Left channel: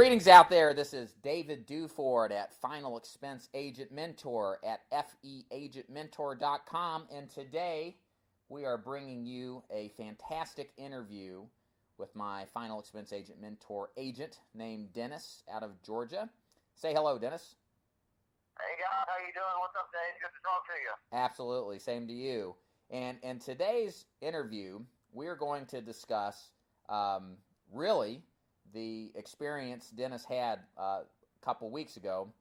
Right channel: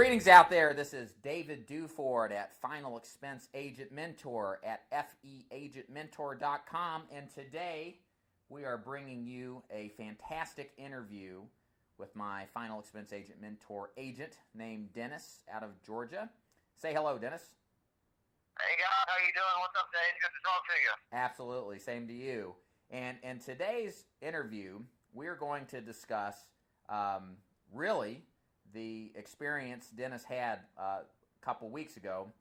Greetings out there. This is David Duford at Final Expense Agent Mentor at feagentmentor.com, and today we are bringing you a fantastic interview with my Final Expense Agent Mentor agent named Dennis out of Georgia. Say hello, Dennis. Hey guys, how you doing? What's up, Dave? Good to talk to you. Absolutely, same to you. And in today's interview, we're going to discuss really the experience Dennis had a couple weeks ago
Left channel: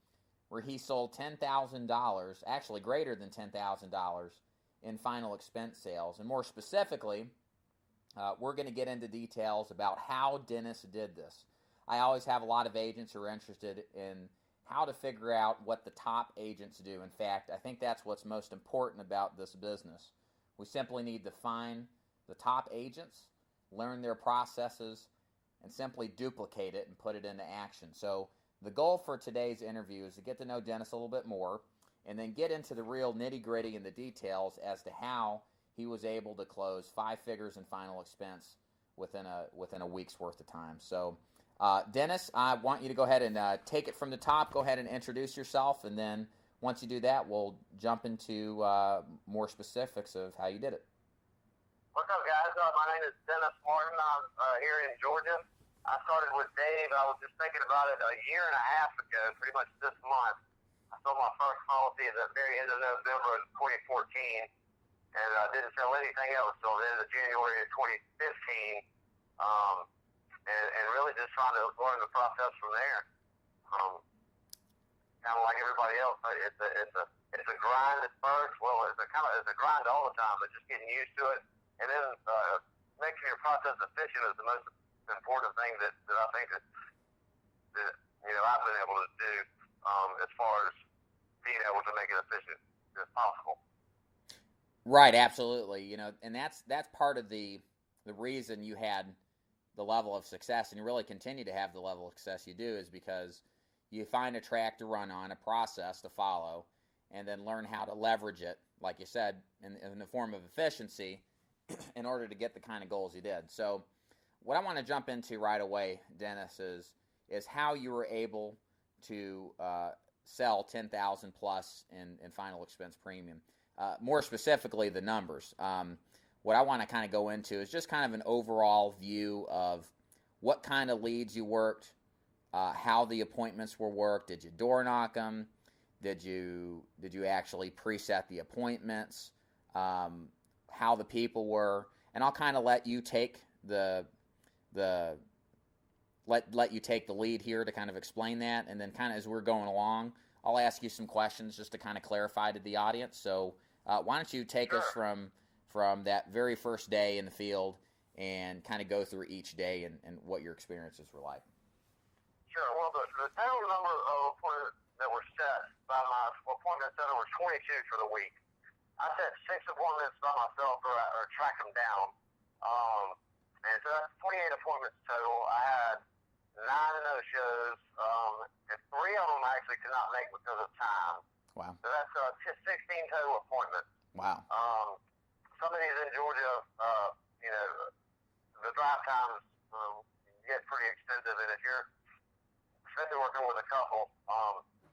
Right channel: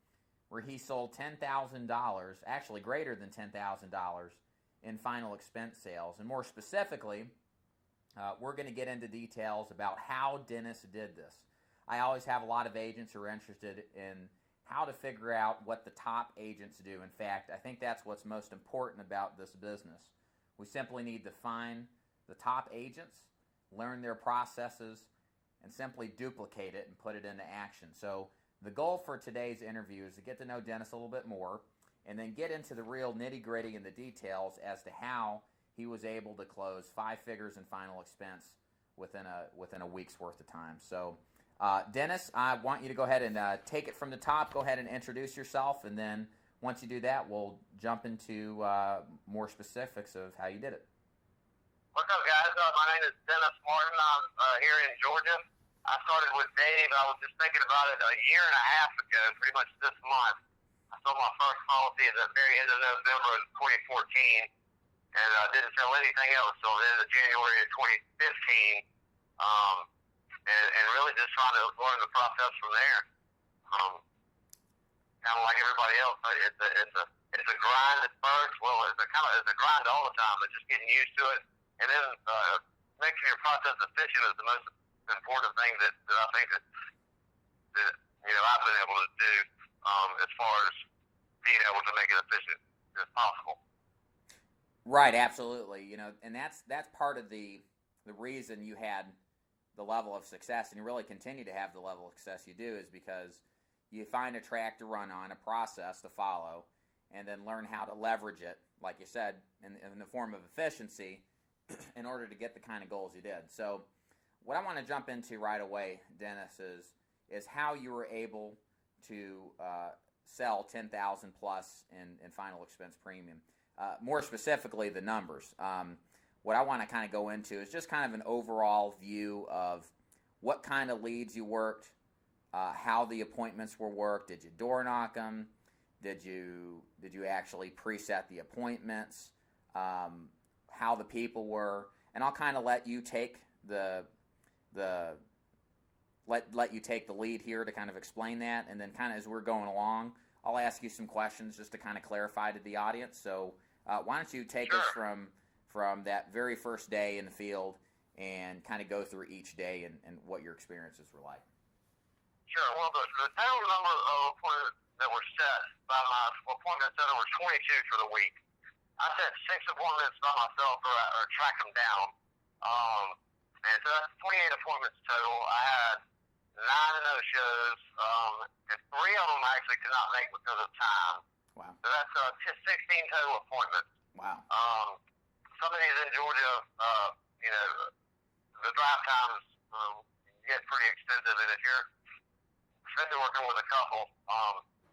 where he sold $10,000, actually greater than $10,000 in final expense sales. And more specifically, we're going to get into details about how Dennis did this. I always have a lot of agents who are interested in how to figure out what the top agents do. In fact, I think that's what's most important about this business. We simply need to find the top agents, learn their processes, and simply duplicate it and put it into action. So the goal for today's interview is to get to know Dennis a little bit more and then get into the real nitty-gritty and the details as to how he was able to close 5 figures in final expense within a week's worth of time. So Dennis, I want you to go ahead and take it from the top. Go ahead and introduce yourself, and then once you do that, we'll jump into more specifics of how you did it. What's up, guys? My name is Dennis Martin. I'm here in Georgia. I started with Dave. I was just thinking about it a year and a half ago, pretty much this month. I sold my first policy at the very end of November of 2014, and didn't sell anything else until the end of January of 2015, and really just trying to learn the process from there. Kind of like everybody else, it's a grind at first. Well, it's a grind all the time, but just getting used to it. And then making your process efficient is the most important thing that I think that I've been able to do as far as being able to make it efficient as possible. Right, absolutely. And that's part of the reason you had the level of success, and you really continue to have the level of success you do, is because you find a track to run on, a process to follow, and then learn how to leverage it, like you said, in the form of efficiency, in order to get the kind of goals you did. So what I want to jump into right away, Dennis, is how you were able to sell $10,000 plus in final expense premium. More specifically, the numbers. What I want to kind of go into is just kind of an overall view of what kind of leads you worked, how the appointments were worked. Did you door knock them? Did you actually preset the appointments? How the people were, and I'll kind of let you take let you take the lead here to kind of explain that, and then kind of as we're going along, I'll ask you some questions just to kind of clarify to the audience. So why don't you take us from that very first day in the field and kind of go through each day and what your experiences were like. Sure. Well, the total number of appointments that were set by my appointment center was 22 for the week. I set 6 appointments by myself or track them down. And so that's 28 appointments total. I had 9 no-shows, and 3 of them I actually could not make because of time. Wow. So that's 16 total appointments. Wow. Some of these in Georgia, the drive times get pretty extensive, and if you're especially working with a couple,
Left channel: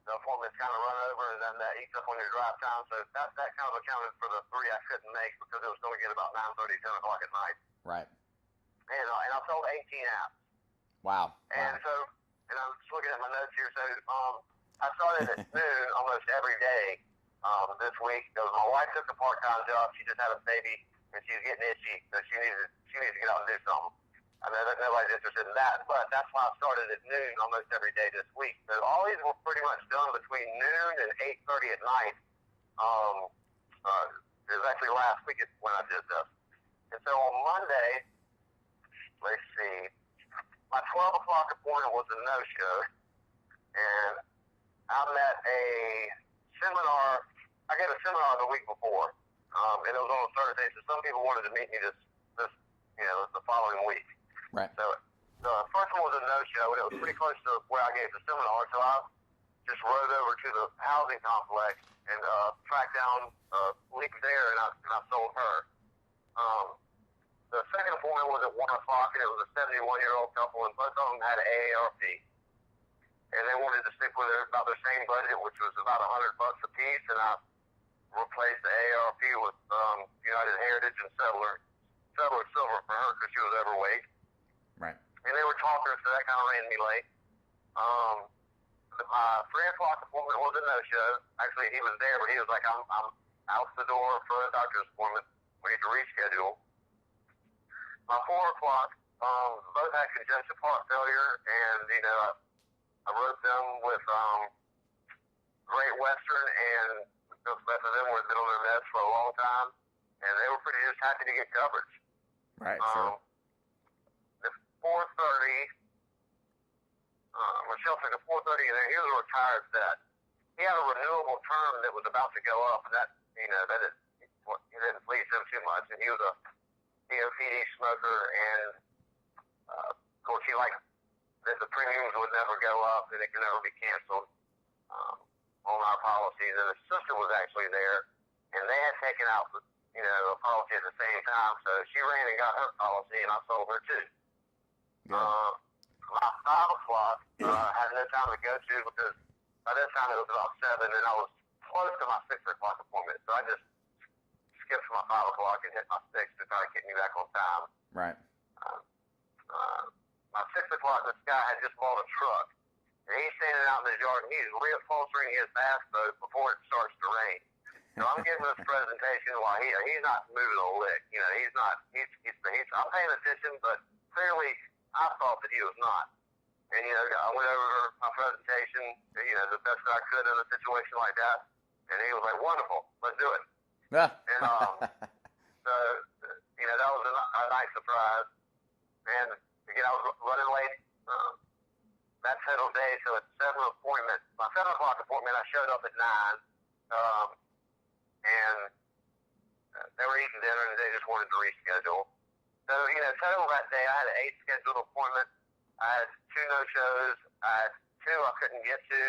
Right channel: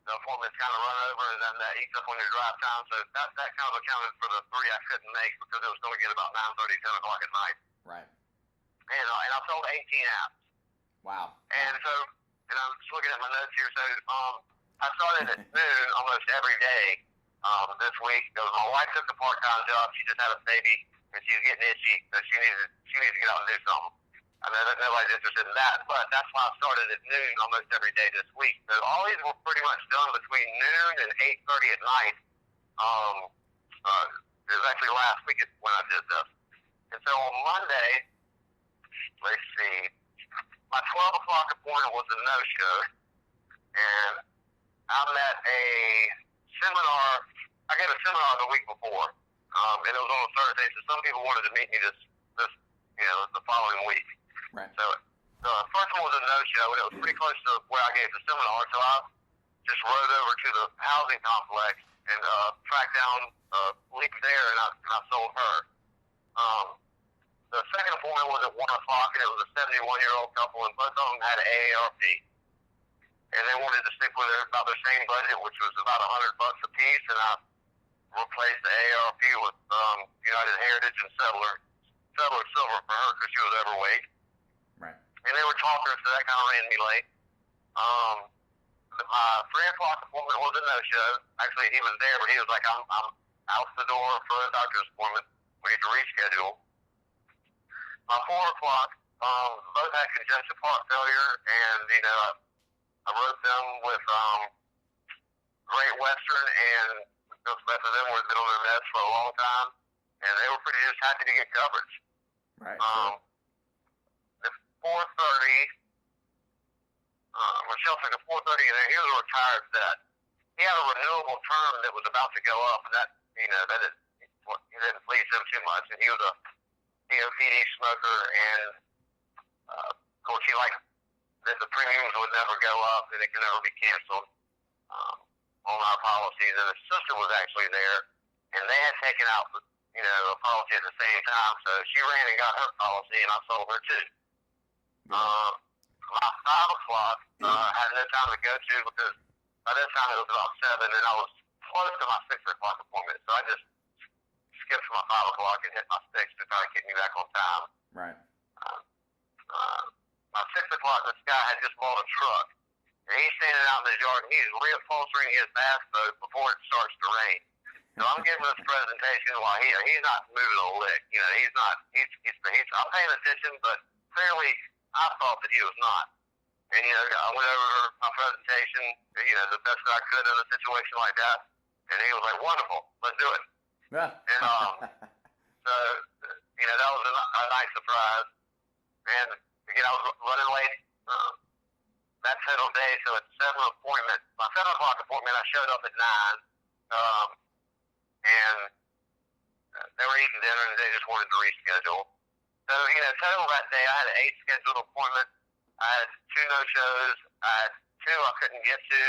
the appointments kind of run over, and then that eats up on your drive time. So that kind of accounted for the 3 I couldn't make because it was going to get about 9:30, 10 o'clock at night. Right. And I sold 18 apps. Wow. And so, and I'm just looking at my notes here. So I started at noon almost every day this week because my wife took a part-time job. She just had a baby, and she was getting itchy, so she needed to get out and do something. I know that nobody's interested in that, but that's why I started at noon almost every day this week. So all these were pretty much done between noon and 8:30 at night. It was actually last week when I did this. And so on Monday, let's see, my 12 o'clock appointment was a no-show, and I met a seminar. I gave a seminar the week before, and it was on a Thursday, so some people wanted to meet me the following week. Right. So the first one was a no-show, and it was pretty close to where I gave the seminar, so I just rode over to the housing complex and tracked down Leak there, and I sold her. The second appointment was at 1 o'clock, and it was a 71-year-old couple, and both of them had an AARP. and they wanted to stick with about their same budget, which was about $100 a piece, and I replaced the ARP with United Heritage and Settler Silver for her because she was overweight. Right. And they were talking, so that kind of ran me late. My 3 o'clock appointment was a no-show. Actually, he was there, but he was like, I'm out the door for a doctor's appointment. We need to reschedule. My 4 o'clock, both had congestive heart failure, and, I wrote them with Great Western, and both of them were been on their meds for a long time, and they were pretty just happy to get coverage. Right, sure. The 4:30, Michelle took a 4:30, and he was a retired vet. He had a renewable term that was about to go up, and that he didn't please him too much, and he was a COPD smoker, and of course he liked that the premiums would never go up and it can never be canceled on our policies. And his sister was actually there, and they had taken out a policy at the same time, so she ran and got her policy, and I sold her too. My 5 o'clock had no time to go to because by this time it was about 7, and I was close to my 6 o'clock appointment, so I just skipped my 5 o'clock and hit my 6 to try to get me back on time. Right. My 6 o'clock, this guy had just bought a truck, and he's standing out in his yard, and he's reupholstering his bass boat before it starts to rain. So I'm giving this presentation while he's not moving a lick. I'm paying attention, but clearly I thought that he was not. And, I went over my presentation, the best that I could in a situation like that, and he was like, wonderful, let's do it. Yeah. And so, that was a nice surprise. And, I was running late that settled day, so at 7 appointment, my 7 o'clock appointment, I showed up at 9, and they were eating dinner, and they just wanted to reschedule. So, total that day, I had 8 scheduled appointments. I had 2 no-shows. I had 2 I couldn't get to.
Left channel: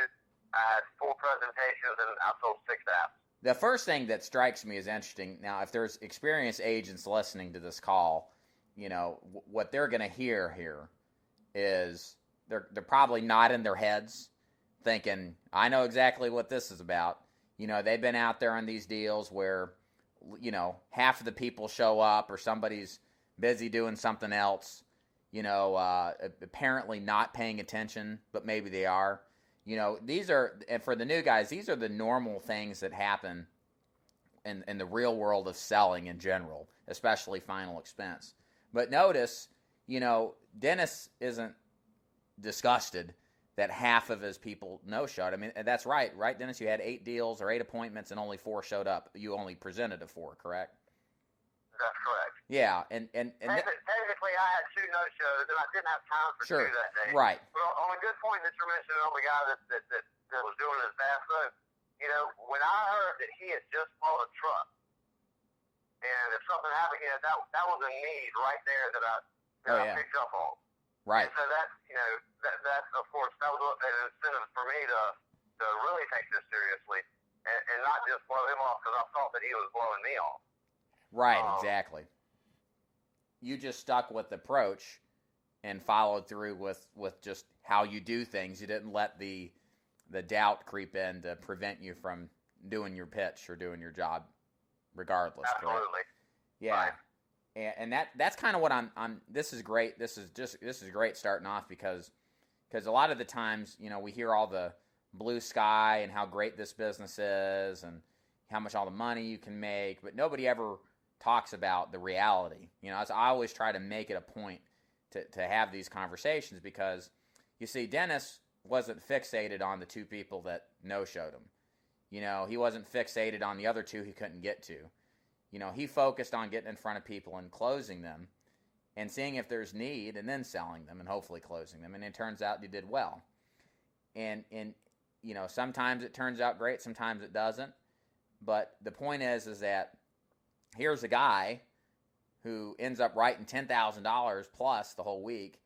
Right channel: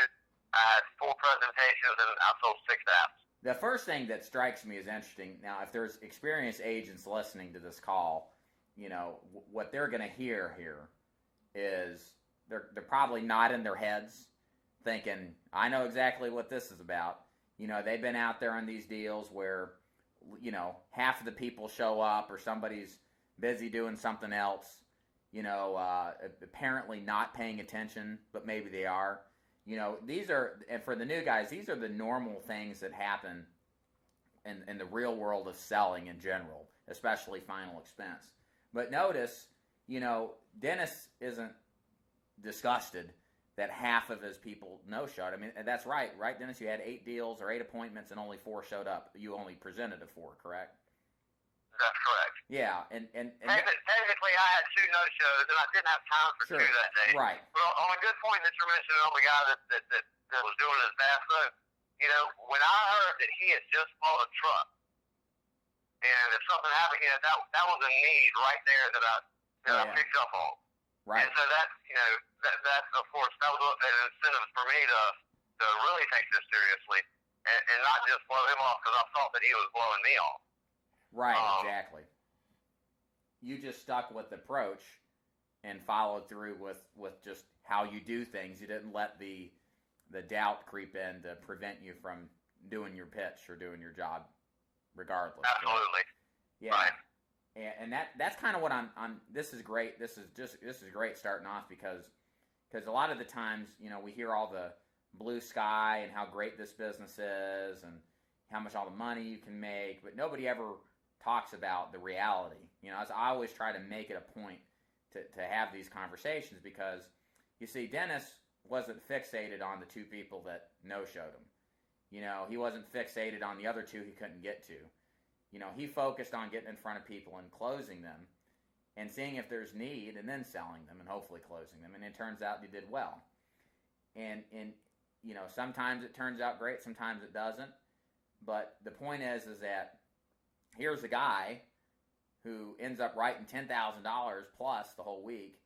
I had 4 presentations, and I sold 6 apps. The first thing that strikes me as interesting, now if there's experienced agents listening to this call, what they're going to hear here is they're probably nodding their heads thinking, I know exactly what this is about. They've been out there on these deals where, half of the people show up or somebody's busy doing something else, apparently not paying attention, but maybe they are. These are, and for the new guys, these are the normal things that happen in the real world of selling in general, especially final expense. But notice, Dennis isn't disgusted that half of his people no-showed. I mean, that's right, Dennis? You had 8 deals or 8 appointments and only 4 showed up. You only presented to 4, correct? That's correct. Yeah, and technically I had 2 no-shows, and I didn't have time for 2 that day. Right. But on a good point that you're mentioning on the guy that was doing his bass boat, when I heard that he had just bought a truck, and if something happened, that was a need right there that I picked up on. Right. And so that, that of course, that was an incentive for me to really take this seriously and not just blow him off because I thought that he was blowing me off. Right, exactly. You just stuck with the approach and followed through with just how you do things. You didn't let the doubt creep in to prevent you from doing your pitch or doing your job regardless. Absolutely. Correct? Yeah. Right. And that's kind of what I'm this is great. This is great starting off because a lot of the times, we hear all the blue sky and how great this business is and how much all the money you can make, but nobody ever talks about the reality. I always try to make it a point to have these conversations because, you see, Dennis wasn't fixated on the 2 people that no-showed him. He wasn't fixated on the other 2 he couldn't get to. He focused on getting in front of people and closing them and seeing if there's need and then selling them and hopefully closing them. And it turns out he did well. And sometimes it turns out great, sometimes it doesn't. But the point is that here's a guy who ends up writing $10,000 plus the whole week,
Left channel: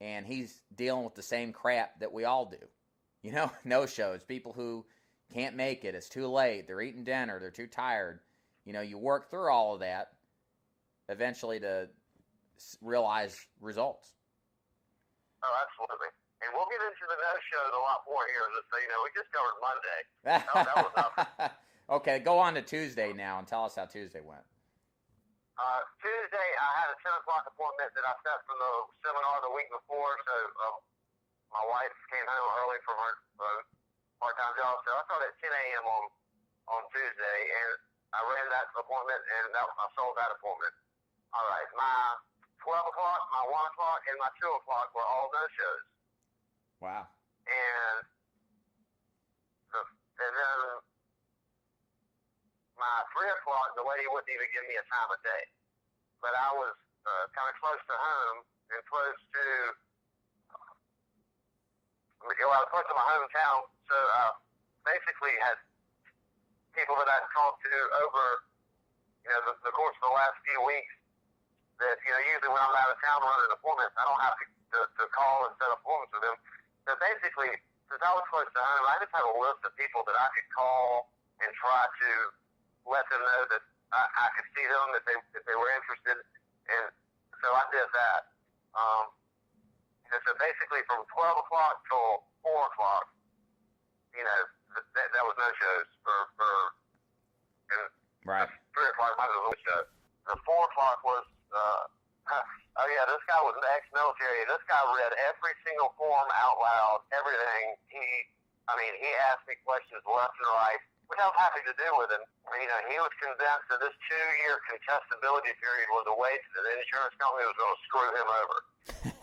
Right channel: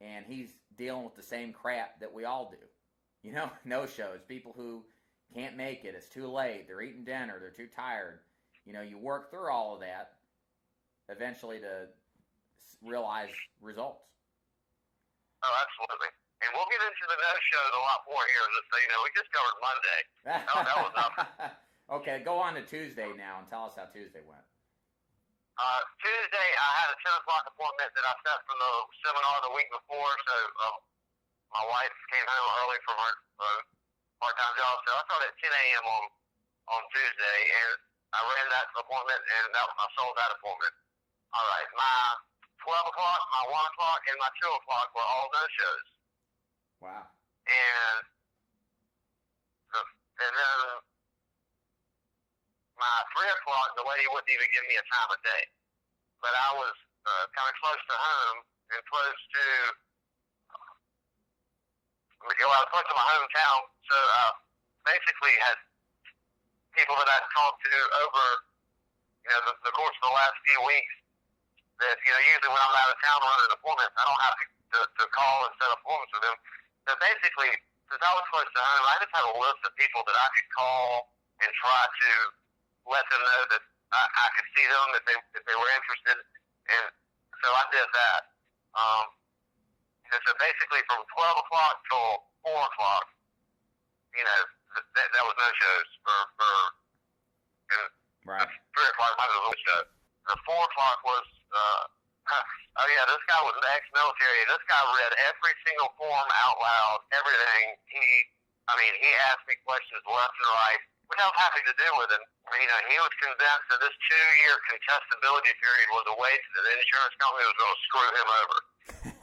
and he's dealing with the same crap that we all do. No-shows, people who can't make it, it's too late, they're eating dinner, they're too tired. You work through all of that eventually to realize results. Oh, absolutely. And we'll get into the no-shows a lot more here. So, we just covered Monday. That was nothing. Okay, go on to Tuesday now and tell us how Tuesday went. Tuesday, I had a 10 o'clock appointment that I set from the seminar the week before. So my wife came home early from her part-time job. So I started at 10 a.m. on Tuesday, and I ran that appointment, and I sold that appointment. All right, my 12 o'clock, my 1 o'clock, and my 2 o'clock were all no-shows. Wow. And then my 3 o'clock, the lady wouldn't even give me a time of day. But I was kind of close to home and close to, I was close to my hometown. So basically had people that I'd talked to over, the course of the last few weeks that, usually when I'm out of town running appointments, I don't have to call and set appointments with them. So basically, since I was close to home, I just had a list of people that I could call and try to let them know that I could see them if they were interested. And so I did that. And so basically from 12 o'clock till 4 o'clock, that was no shows for right. 3 o'clock was a show. The 4 o'clock was, oh yeah, this guy was ex-military. This guy read every single form out loud, everything. He asked me questions left and right, which I was happy to do with him. He was convinced that this 2-year contestability period was a way that the insurance company was going to screw him over.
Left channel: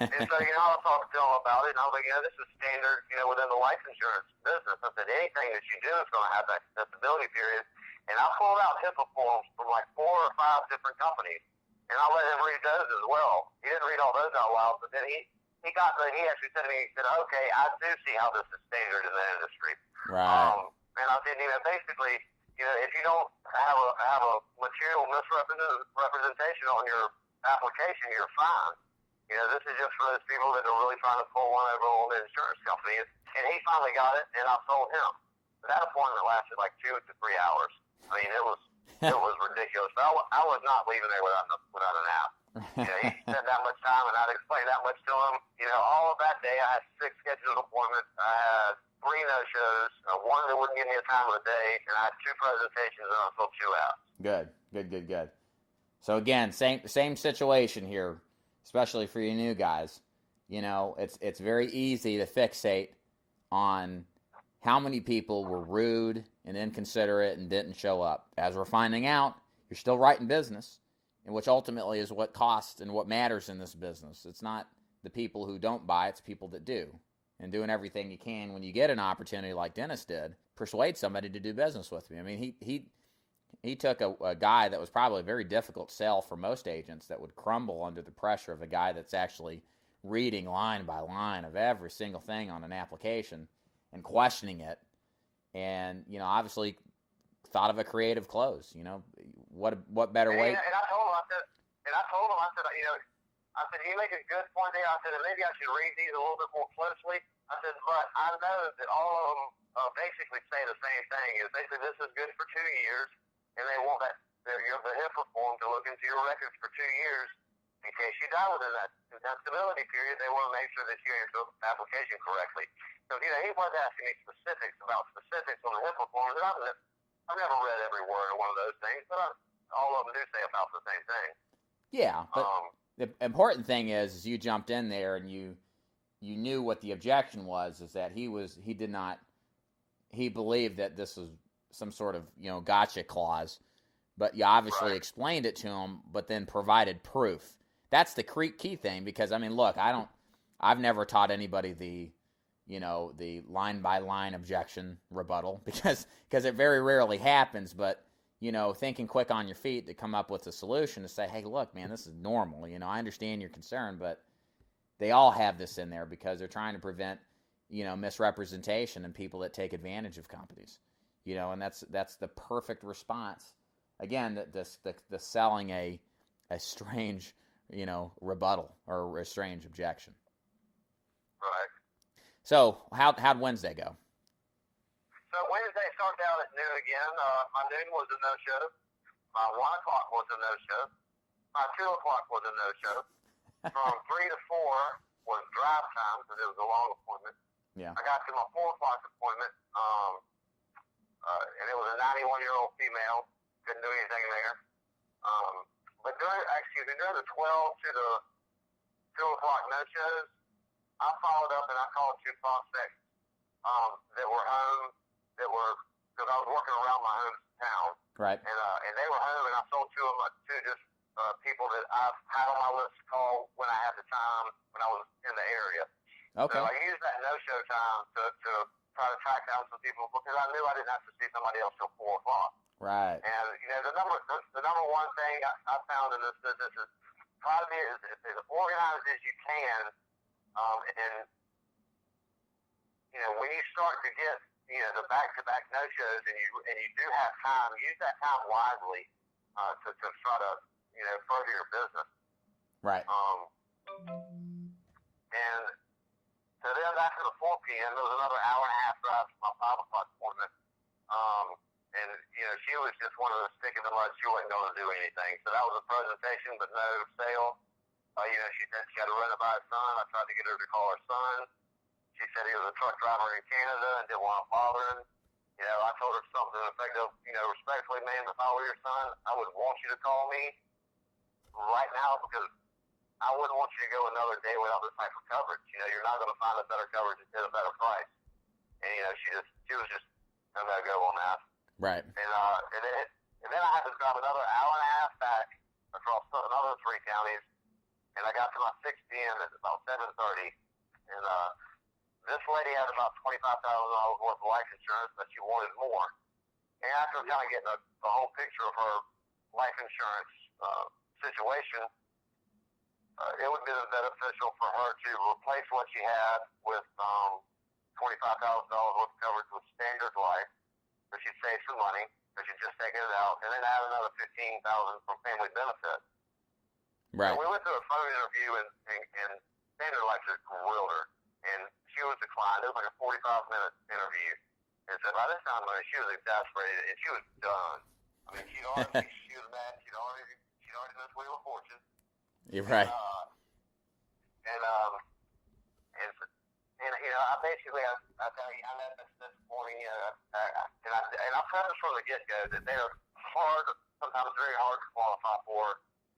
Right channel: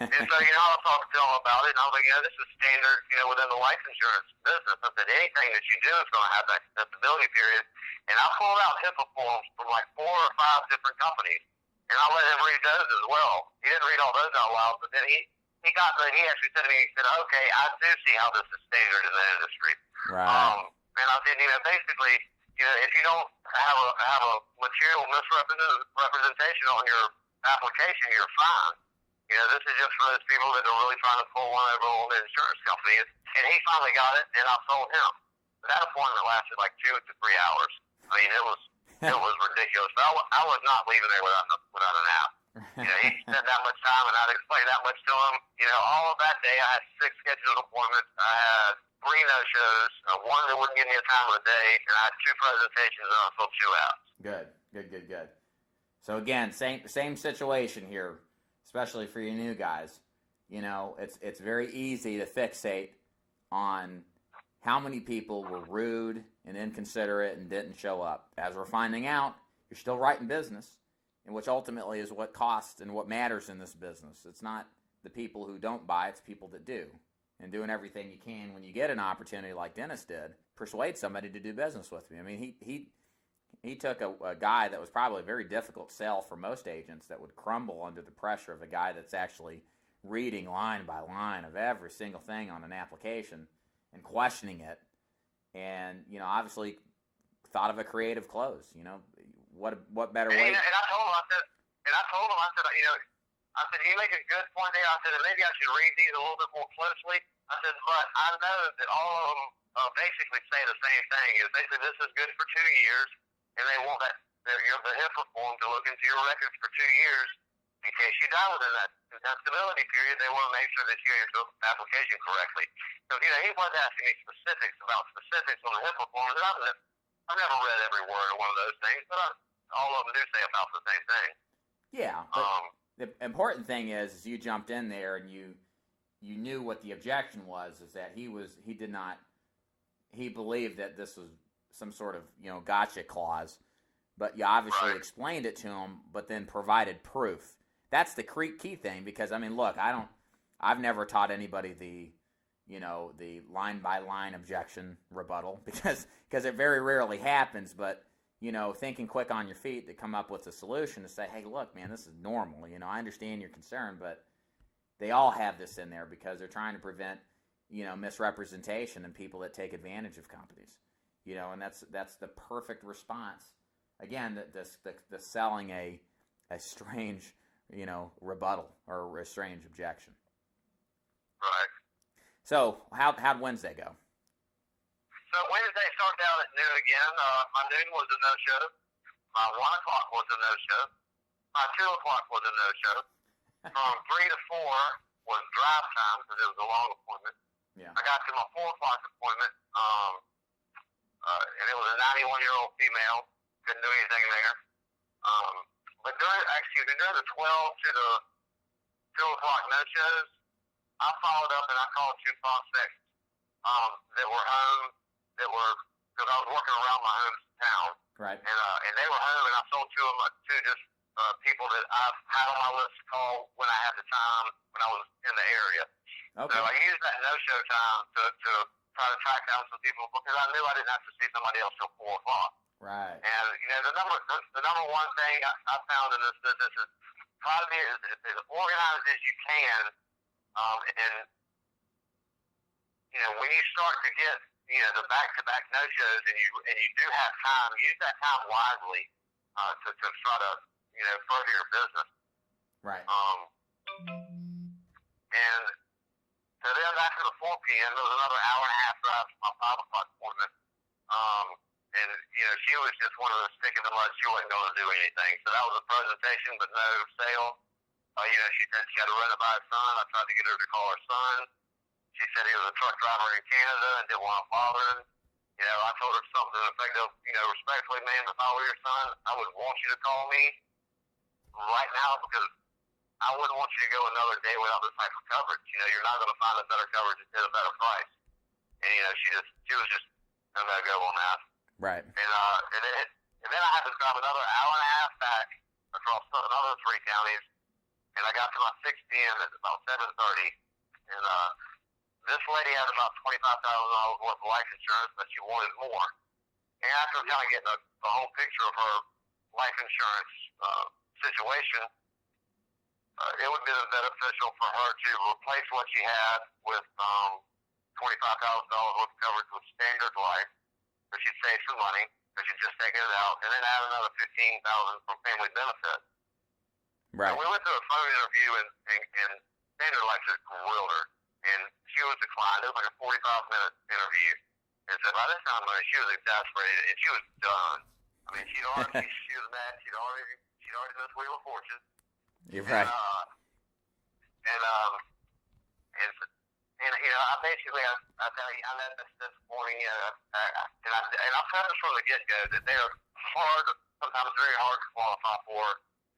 And so, I was talking to him about it, and I was like, this is standard, within the life insurance business. I said, anything that you do is going to have that contestability period. And I pulled out HIPAA forms from like 4 or 5 different companies, and I let him read those as well. He didn't read all those out loud, but then he actually said to me, he said, okay, I do see how this is standard in the industry. Right. And I said, basically, if you don't have a material misrepresentation on your application, you're fine. This is just for those people that are really trying to pull one over on the insurance company. And he finally got it, and I sold him. That appointment lasted like 2 to 3 hours. It was ridiculous. But I was not leaving there without an app. He spent that much time, and I'd explain that much to him. All of that day, I had 6 scheduled appointments. I had 3 no-shows, 1 that wouldn't give me a time of the day, and I had 2 presentations, and I sold 2 apps. Good. So again, same situation here, especially for you new guys. It's very easy to fixate on how many people were rude and inconsiderate and didn't show up. As we're finding out, you're still right in business, and which ultimately is what costs and what matters in this business. It's not the people who don't buy, it's people that do. And doing everything you can when you get an opportunity like Dennis did, persuade somebody to do business with me. He took a guy that was probably a very difficult sell for most agents that would crumble under the pressure of a guy that's actually reading line by line of every single thing on an application and questioning it. And, obviously thought of a creative close. What better way? And I told him, I said, you make a good point there. I said, maybe I should read these a little bit more closely. I said, but I know that all of them basically say the same thing. They say this is good for 2 years, and they want the HIPAA form to look into your records for 2 years in case you die within that contestability period. They want to make sure that you answer the application correctly. So, he was asking me specifics on the HIPAA form, and I've never read every word of one of those things, but all of them do say about the same thing. Yeah, but the important thing is you jumped in there and you knew what the objection was, is that he believed that this was some sort of, gotcha clause, but you obviously explained it to him, but then provided proof. That's the key thing, because look, I've never taught anybody the line by line objection rebuttal because it very rarely happens, but thinking quick on your feet to come up with a solution to say, hey, look, man, this is normal. I understand your concern, but they all have this in there because they're trying to prevent, misrepresentation and people that take advantage of companies, and that's the perfect response. Again, the selling a strange, rebuttal or a strange objection. Right. So how'd Wednesday go? So Wednesday started out at noon again. My noon was a no-show. My 1 o'clock was a no-show. My 2 o'clock was a no-show. From 3 to 4, was drive time because it was a long appointment. Yeah. I got to my 4 o'clock appointment, and it was a 91-year-old female. Couldn't do anything there. But during the 12 to the 2 o'clock no-shows, I followed up and I called 2 prospects that were home, because I was working around my hometown. Right. And they were home, and I sold 2 of them to just people that I've had on my list to call when I had the time when I was in the area. Okay. So I used that no-show time to try to track down some people because I knew I didn't have to see somebody else till 4 o'clock. Right. And the number one thing I found in this business is try to be as organized as you can. And when you start to get the back-to-back no-shows and you do have time, use that time wisely to try to further your business. Right. And so then after the 4 p.m., there was another hour and a half drive to my 5 o'clock appointment. And she was just one of those stick in the mud. She wasn't going to do anything. So that was a presentation, but no sale. She said she had to run it by her son. I tried to get her to call her son. She said he was a truck driver in Canada and didn't want to bother him. I told her something effective, respectfully, man, if I were your son, I would want you to call me right now because I wouldn't want you to go another day without this type of coverage. You're not going to find a better coverage at a better price. And, she was just no go on that. Right. And then I had to drive another hour and a half back across another 3 counties, and I got to my 6 p.m. at about 7:30, and this lady had about $25,000 worth of life insurance, but she wanted more. And after kind of getting the whole picture of her life insurance situation, it would be beneficial for her to replace what she had with $25,000 worth of coverage with standard life, so she'd save some money, because she'd just taken it out, and then add another $15,000 from family benefit. Right. So we went to a phone interview, and Standard Life just grilled her, and she was declined. It was like a 45-minute interview. And so by this time, she was exasperated, and she was done. I mean, she was mad. She'd already done this Wheel of Fortune. You're right. I basically, I met this morning, and I said this from the get-go that they are sometimes very hard to qualify for,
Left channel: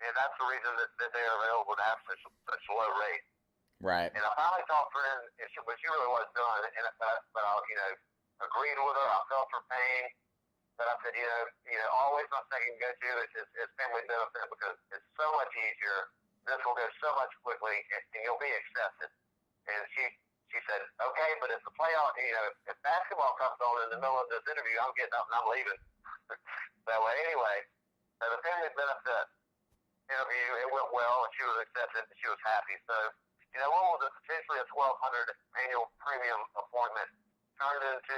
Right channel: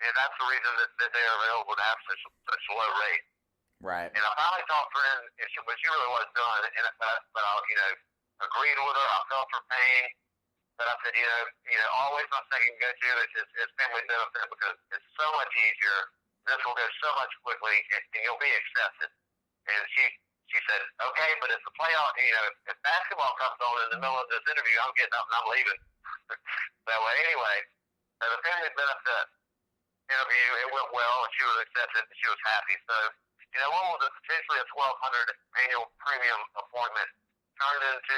and that's the reason that they are available to have such low rate. Right. And I finally talked to her, but she really was done, but I, agreed with her. I felt her pain, but I said, always my second go-to is family benefit because it's so much easier. This will go so much quickly, and you'll be accepted. And she said, okay, but if the playoff, if basketball comes on in the middle of this interview, I'm getting up and I'm leaving. So anyway, the family benefit interview, it went well, and she was accepted, and she was happy. So, what was potentially a $1,200 annual premium appointment turned into,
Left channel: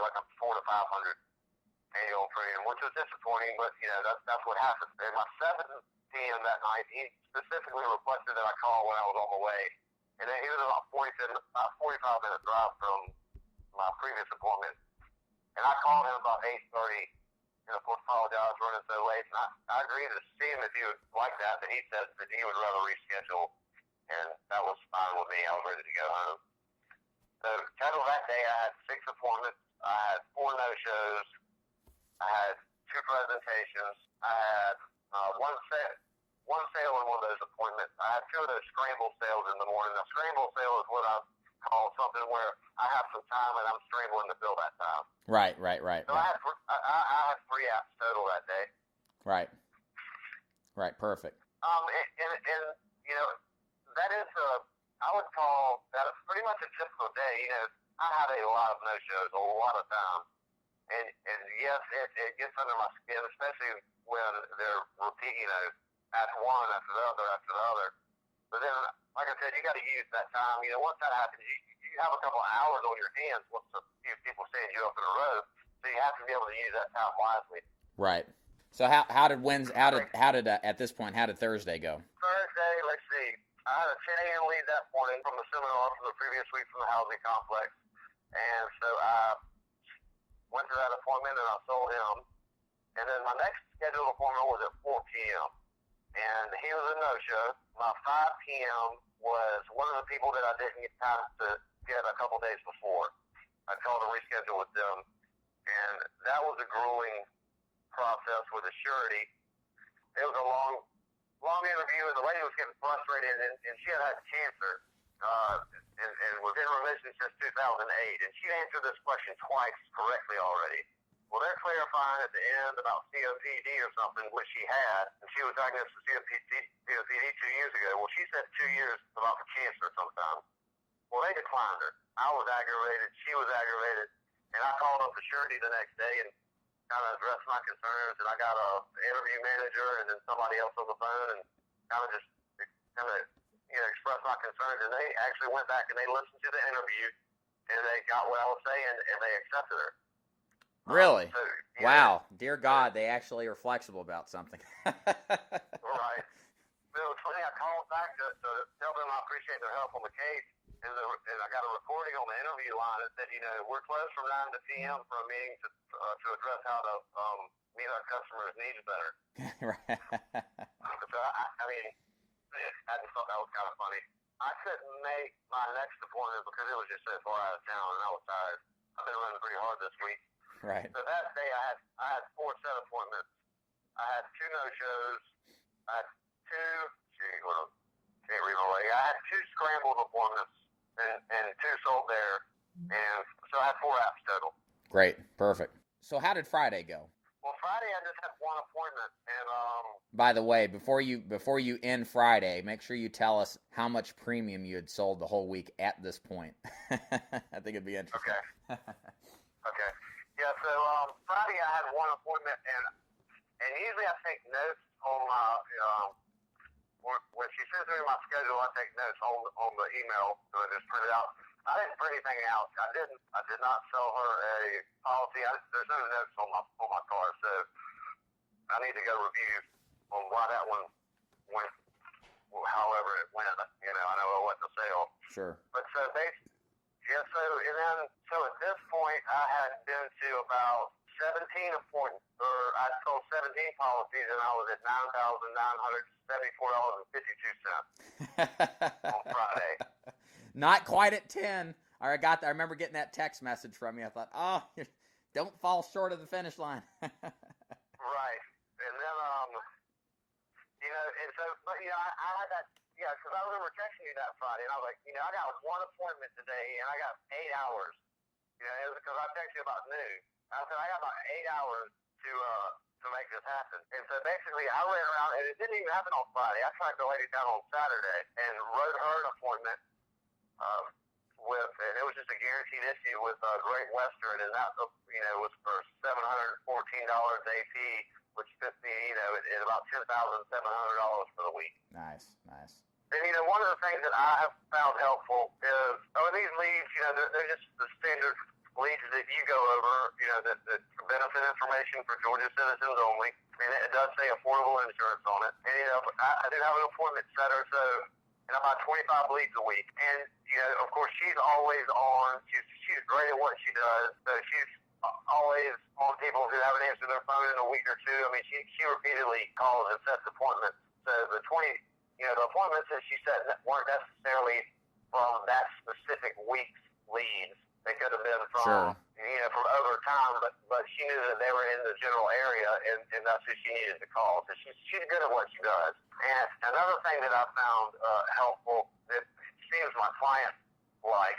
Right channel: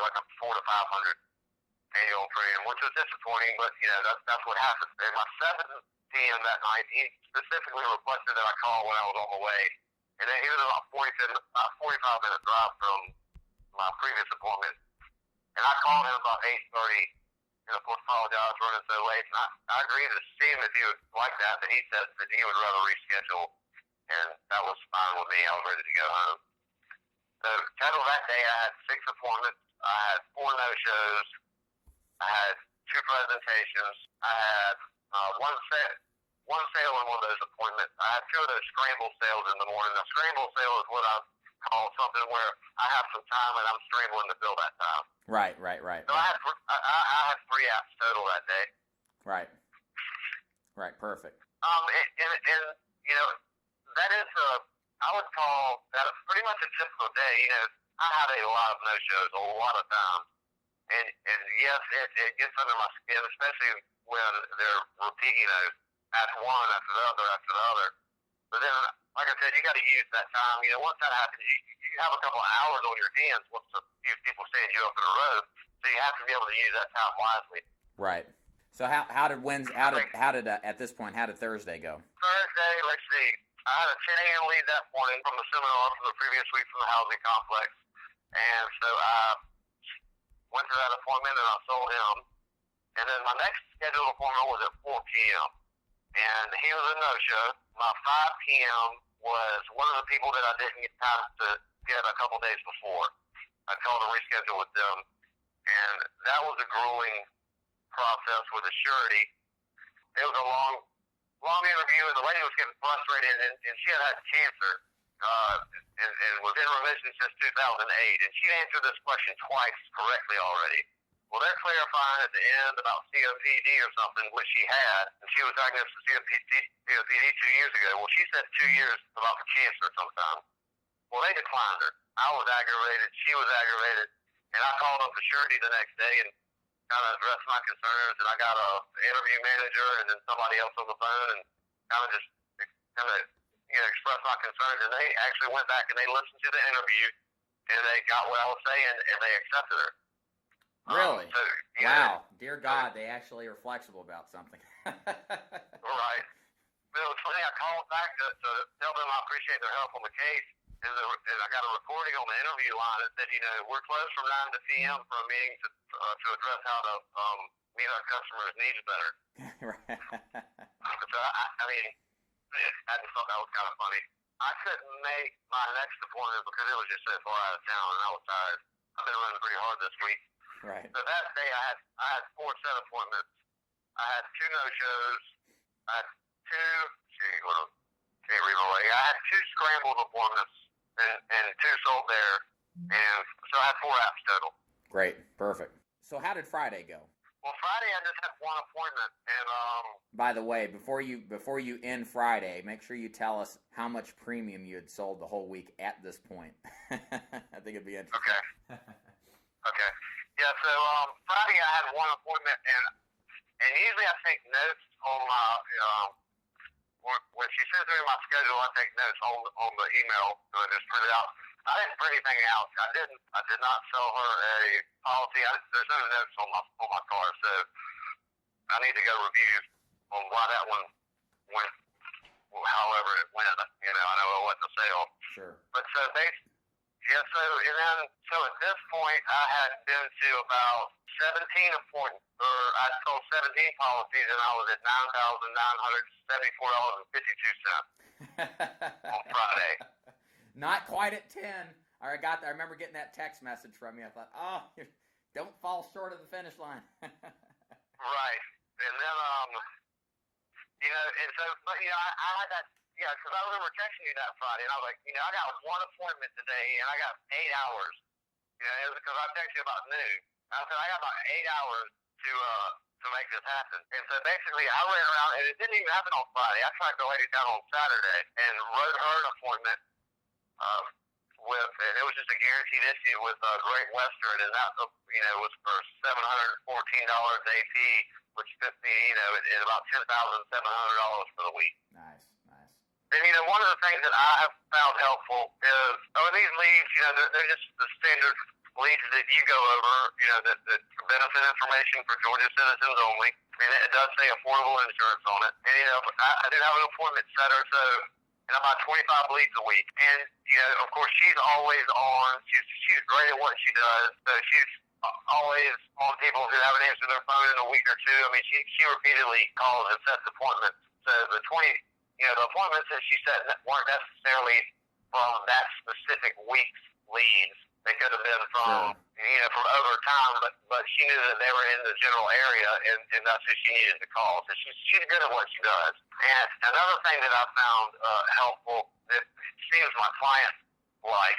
like a $400 to $500 annual premium, which was disappointing, but, that's what happens. And my 7 p.m. that night, he specifically requested that I call when I was on the way. And then he was about 45-minute drive from my previous appointment. And I called him about 8:30, and of course apologized for running so late. And I agreed to see him if he would like that, but he said that he would rather reschedule, and that was fine with me. I was ready to go home. So total that day, I had 6 appointments. I had 4 no-shows. I had 2 presentations. I had one sale in one of those appointments. I had 2 of those scramble sales in the morning. A scramble sale is what I call something where I have some time and I'm scrambling to fill that time. Right. So right. I had 3 apps total that day. Right. Perfect. That is I would call that pretty much a typical day. I had a lot of no-shows a lot of times. And yes, it gets under my skin, especially when they're repeating, after one, after the other. But then, like I said, you got to use that time. Once that happens, you have a couple of hours on your hands once a few people stand you up in a row. So you have to be able to use that time wisely. Right. So how did at this point, how did Thursday go? Thursday, let's see. I had a 10 a.m. lead that morning from the seminar from the previous week from the housing complex. And so I went to that appointment and I sold him. And then my next scheduled appointment was at 4 p.m. And he was a no-show. My 5 p.m. was one of the people that I didn't get time to get a couple days before. I called to reschedule with them, and that was a grueling process with a surety. It was a long interview, and the lady was getting frustrated, and she had cancer, and was in remission since 2008, and she answered this question twice correctly already. Well, they're clarifying at the end about COPD or something, which she had, and she was diagnosed with COPD 2 years ago. Well, she said 2 years about the cancer sometime. Well, they declined her. I was aggravated. She was aggravated. And I called up the surety the next day and kind of addressed my concerns. And I got an interview manager and then somebody else on the phone and expressed my concerns. And they actually went back and they listened to the interview and they got what I was saying and they accepted her. Really? So, wow. Dear God, they actually are flexible about something. Right. But it was funny. I called back to tell them I appreciate their help on the case. And I got a recording on the interview line that said, we're closed from 9 to p.m. for a meeting to address how to meet our customers' needs better. Right. So, I just thought that was kind of funny. I couldn't make my next appointment because it was just so far out of town, and I was tired. I've been running pretty hard this week. Right. So that day I had 4 set appointments. I had 2 no-shows. I had 2, can't read my way. I had 2 scrambled appointments and 2 sold there. And so I had 4 apps total. Great. Perfect. So how did Friday go? Well, Friday I just had 1 appointment, and By the way, before you end Friday, make sure you tell us how much premium you had sold the whole week at this point. I think it'd be interesting. Okay. Okay. Yeah. So Friday I had 1 appointment, and usually I take notes on my when she sends me my schedule, I take notes on the email and I just print it out. I didn't print anything out. I did not sell her a policy. There's no notes on my car, so I need to go review on why that one went, however it went. I know it wasn't a sale. Sure. But so so at this point I had been to about 17 appointments, or I sold 17 policies, and I was at $9,974.52 on Friday. Not quite at 10. I remember getting that text message from you. I thought, don't fall short of the finish line. Right. And then, I had that, because I remember texting you that Friday, and I was like, I got 1 appointment today, and I got 8 hours. It was because I texted you about noon. I said, I got about 8 hours to make this happen. And so basically, I ran around, and it didn't even happen on Friday. I tracked the lady down on Saturday and wrote her an appointment and it was just a guaranteed issue with Great Western, and that was for $714 AP, which put me at about $10,700 for the week. Nice. And one of the things that I have found helpful is these leads. They're just the standard leads that you go over. That benefit information for Georgia citizens only, and it does say affordable insurance on it. And I do have an appointment setter, so. And about 25 leads a week. And, of course, she's always on. She's great at what she does. So she's always on people who haven't answered their phone in a week or 2. I mean, she repeatedly calls and sets appointments. So the appointments that she set weren't necessarily from that specific week's leads. They could have been from, from over time, but she knew that they were in the general area, and that's who she needed to call. So she's good at what she does. And another thing that I found helpful that seems my clients like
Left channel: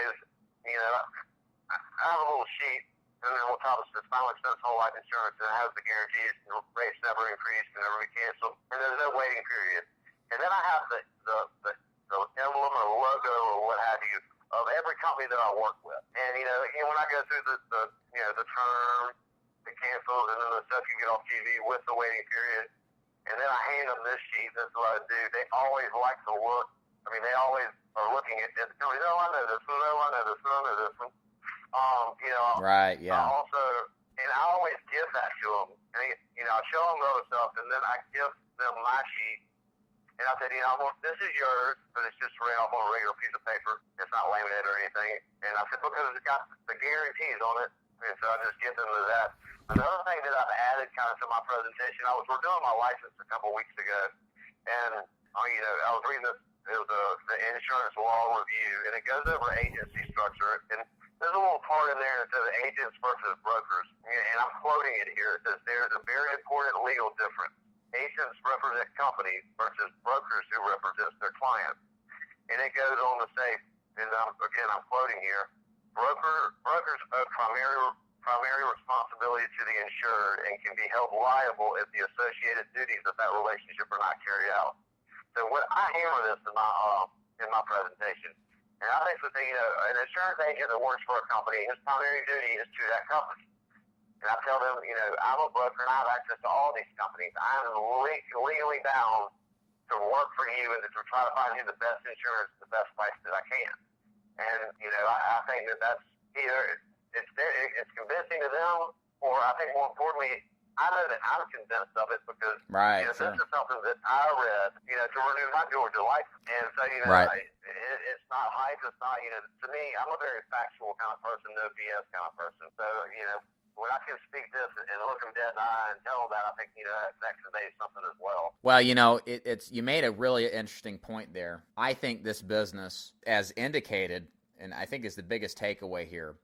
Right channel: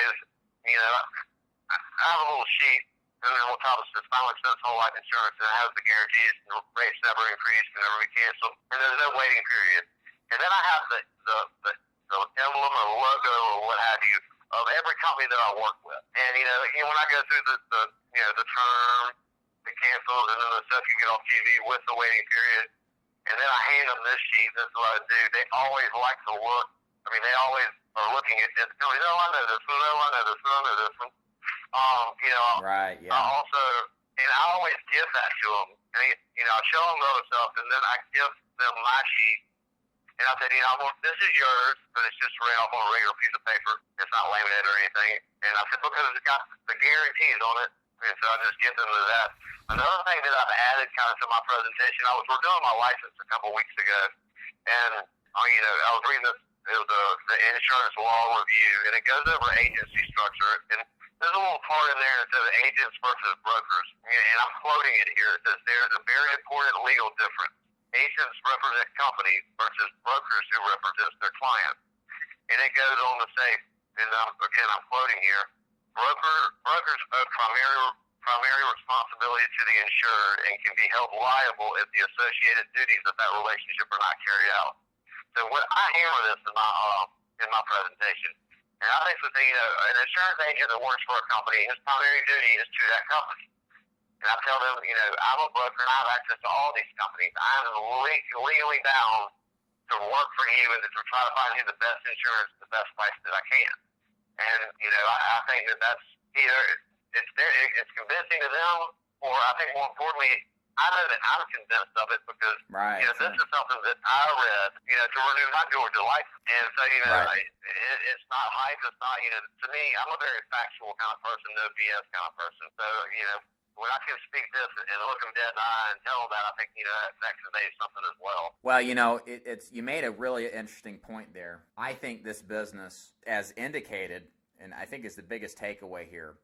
is, I have a little sheet, and then on top it says final expense whole life insurance, and it has the guarantees, and the rates never increase, and never be canceled, and there's no waiting period. And then I have the emblem or logo or what have you of every company that I work with. And, when I go through the term, the cancels, and then the stuff you get off TV with the waiting period, and then I hand them this sheet, this is what I do. They always like to look. I mean, they always are looking at this. I know this one, I know this one. Right, yeah. I always give that to them. And, I show them the other stuff, and then I give them my sheet. And I said, this is yours, but it's just right off on a regular piece of paper. It's not laminated or anything. And I said, because it's got the guarantees on it. And so I just get them to that. Another thing that I've added kind of to my presentation, we're doing my license a couple weeks ago. And, I was reading It was the insurance law review, and it goes over agency structure. And there's a little part in there that says agents versus brokers, and I'm quoting it here. It says there's a very important legal difference. Agents represent companies versus brokers who represent their clients. And it goes on to say, and again I'm quoting here, brokers owe primary responsibility to the insured and can be held liable if the associated duties of that relationship are not carried out. So what I hammer this in my presentation, and I think the thing, an insurance agent that works for a company, his primary duty is to that company. And I tell them, I'm a broker and I have access to all these companies. I'm legally bound to work for you and to try to find you the best insurance, the best price that I can. And I think that's either it's convincing to them, or I think more importantly, I know that I'm convinced of it because this is something that I read, to renew my Georgia license. And so, it's not hype. It's not, to me, I'm a very factual kind of person, no BS kind of person. So, when I can speak this and look them dead in the eye and tell them that, I think, that conveys something as well. Well, you made a really interesting point there. I think this business, as indicated, and I think is the biggest takeaway here,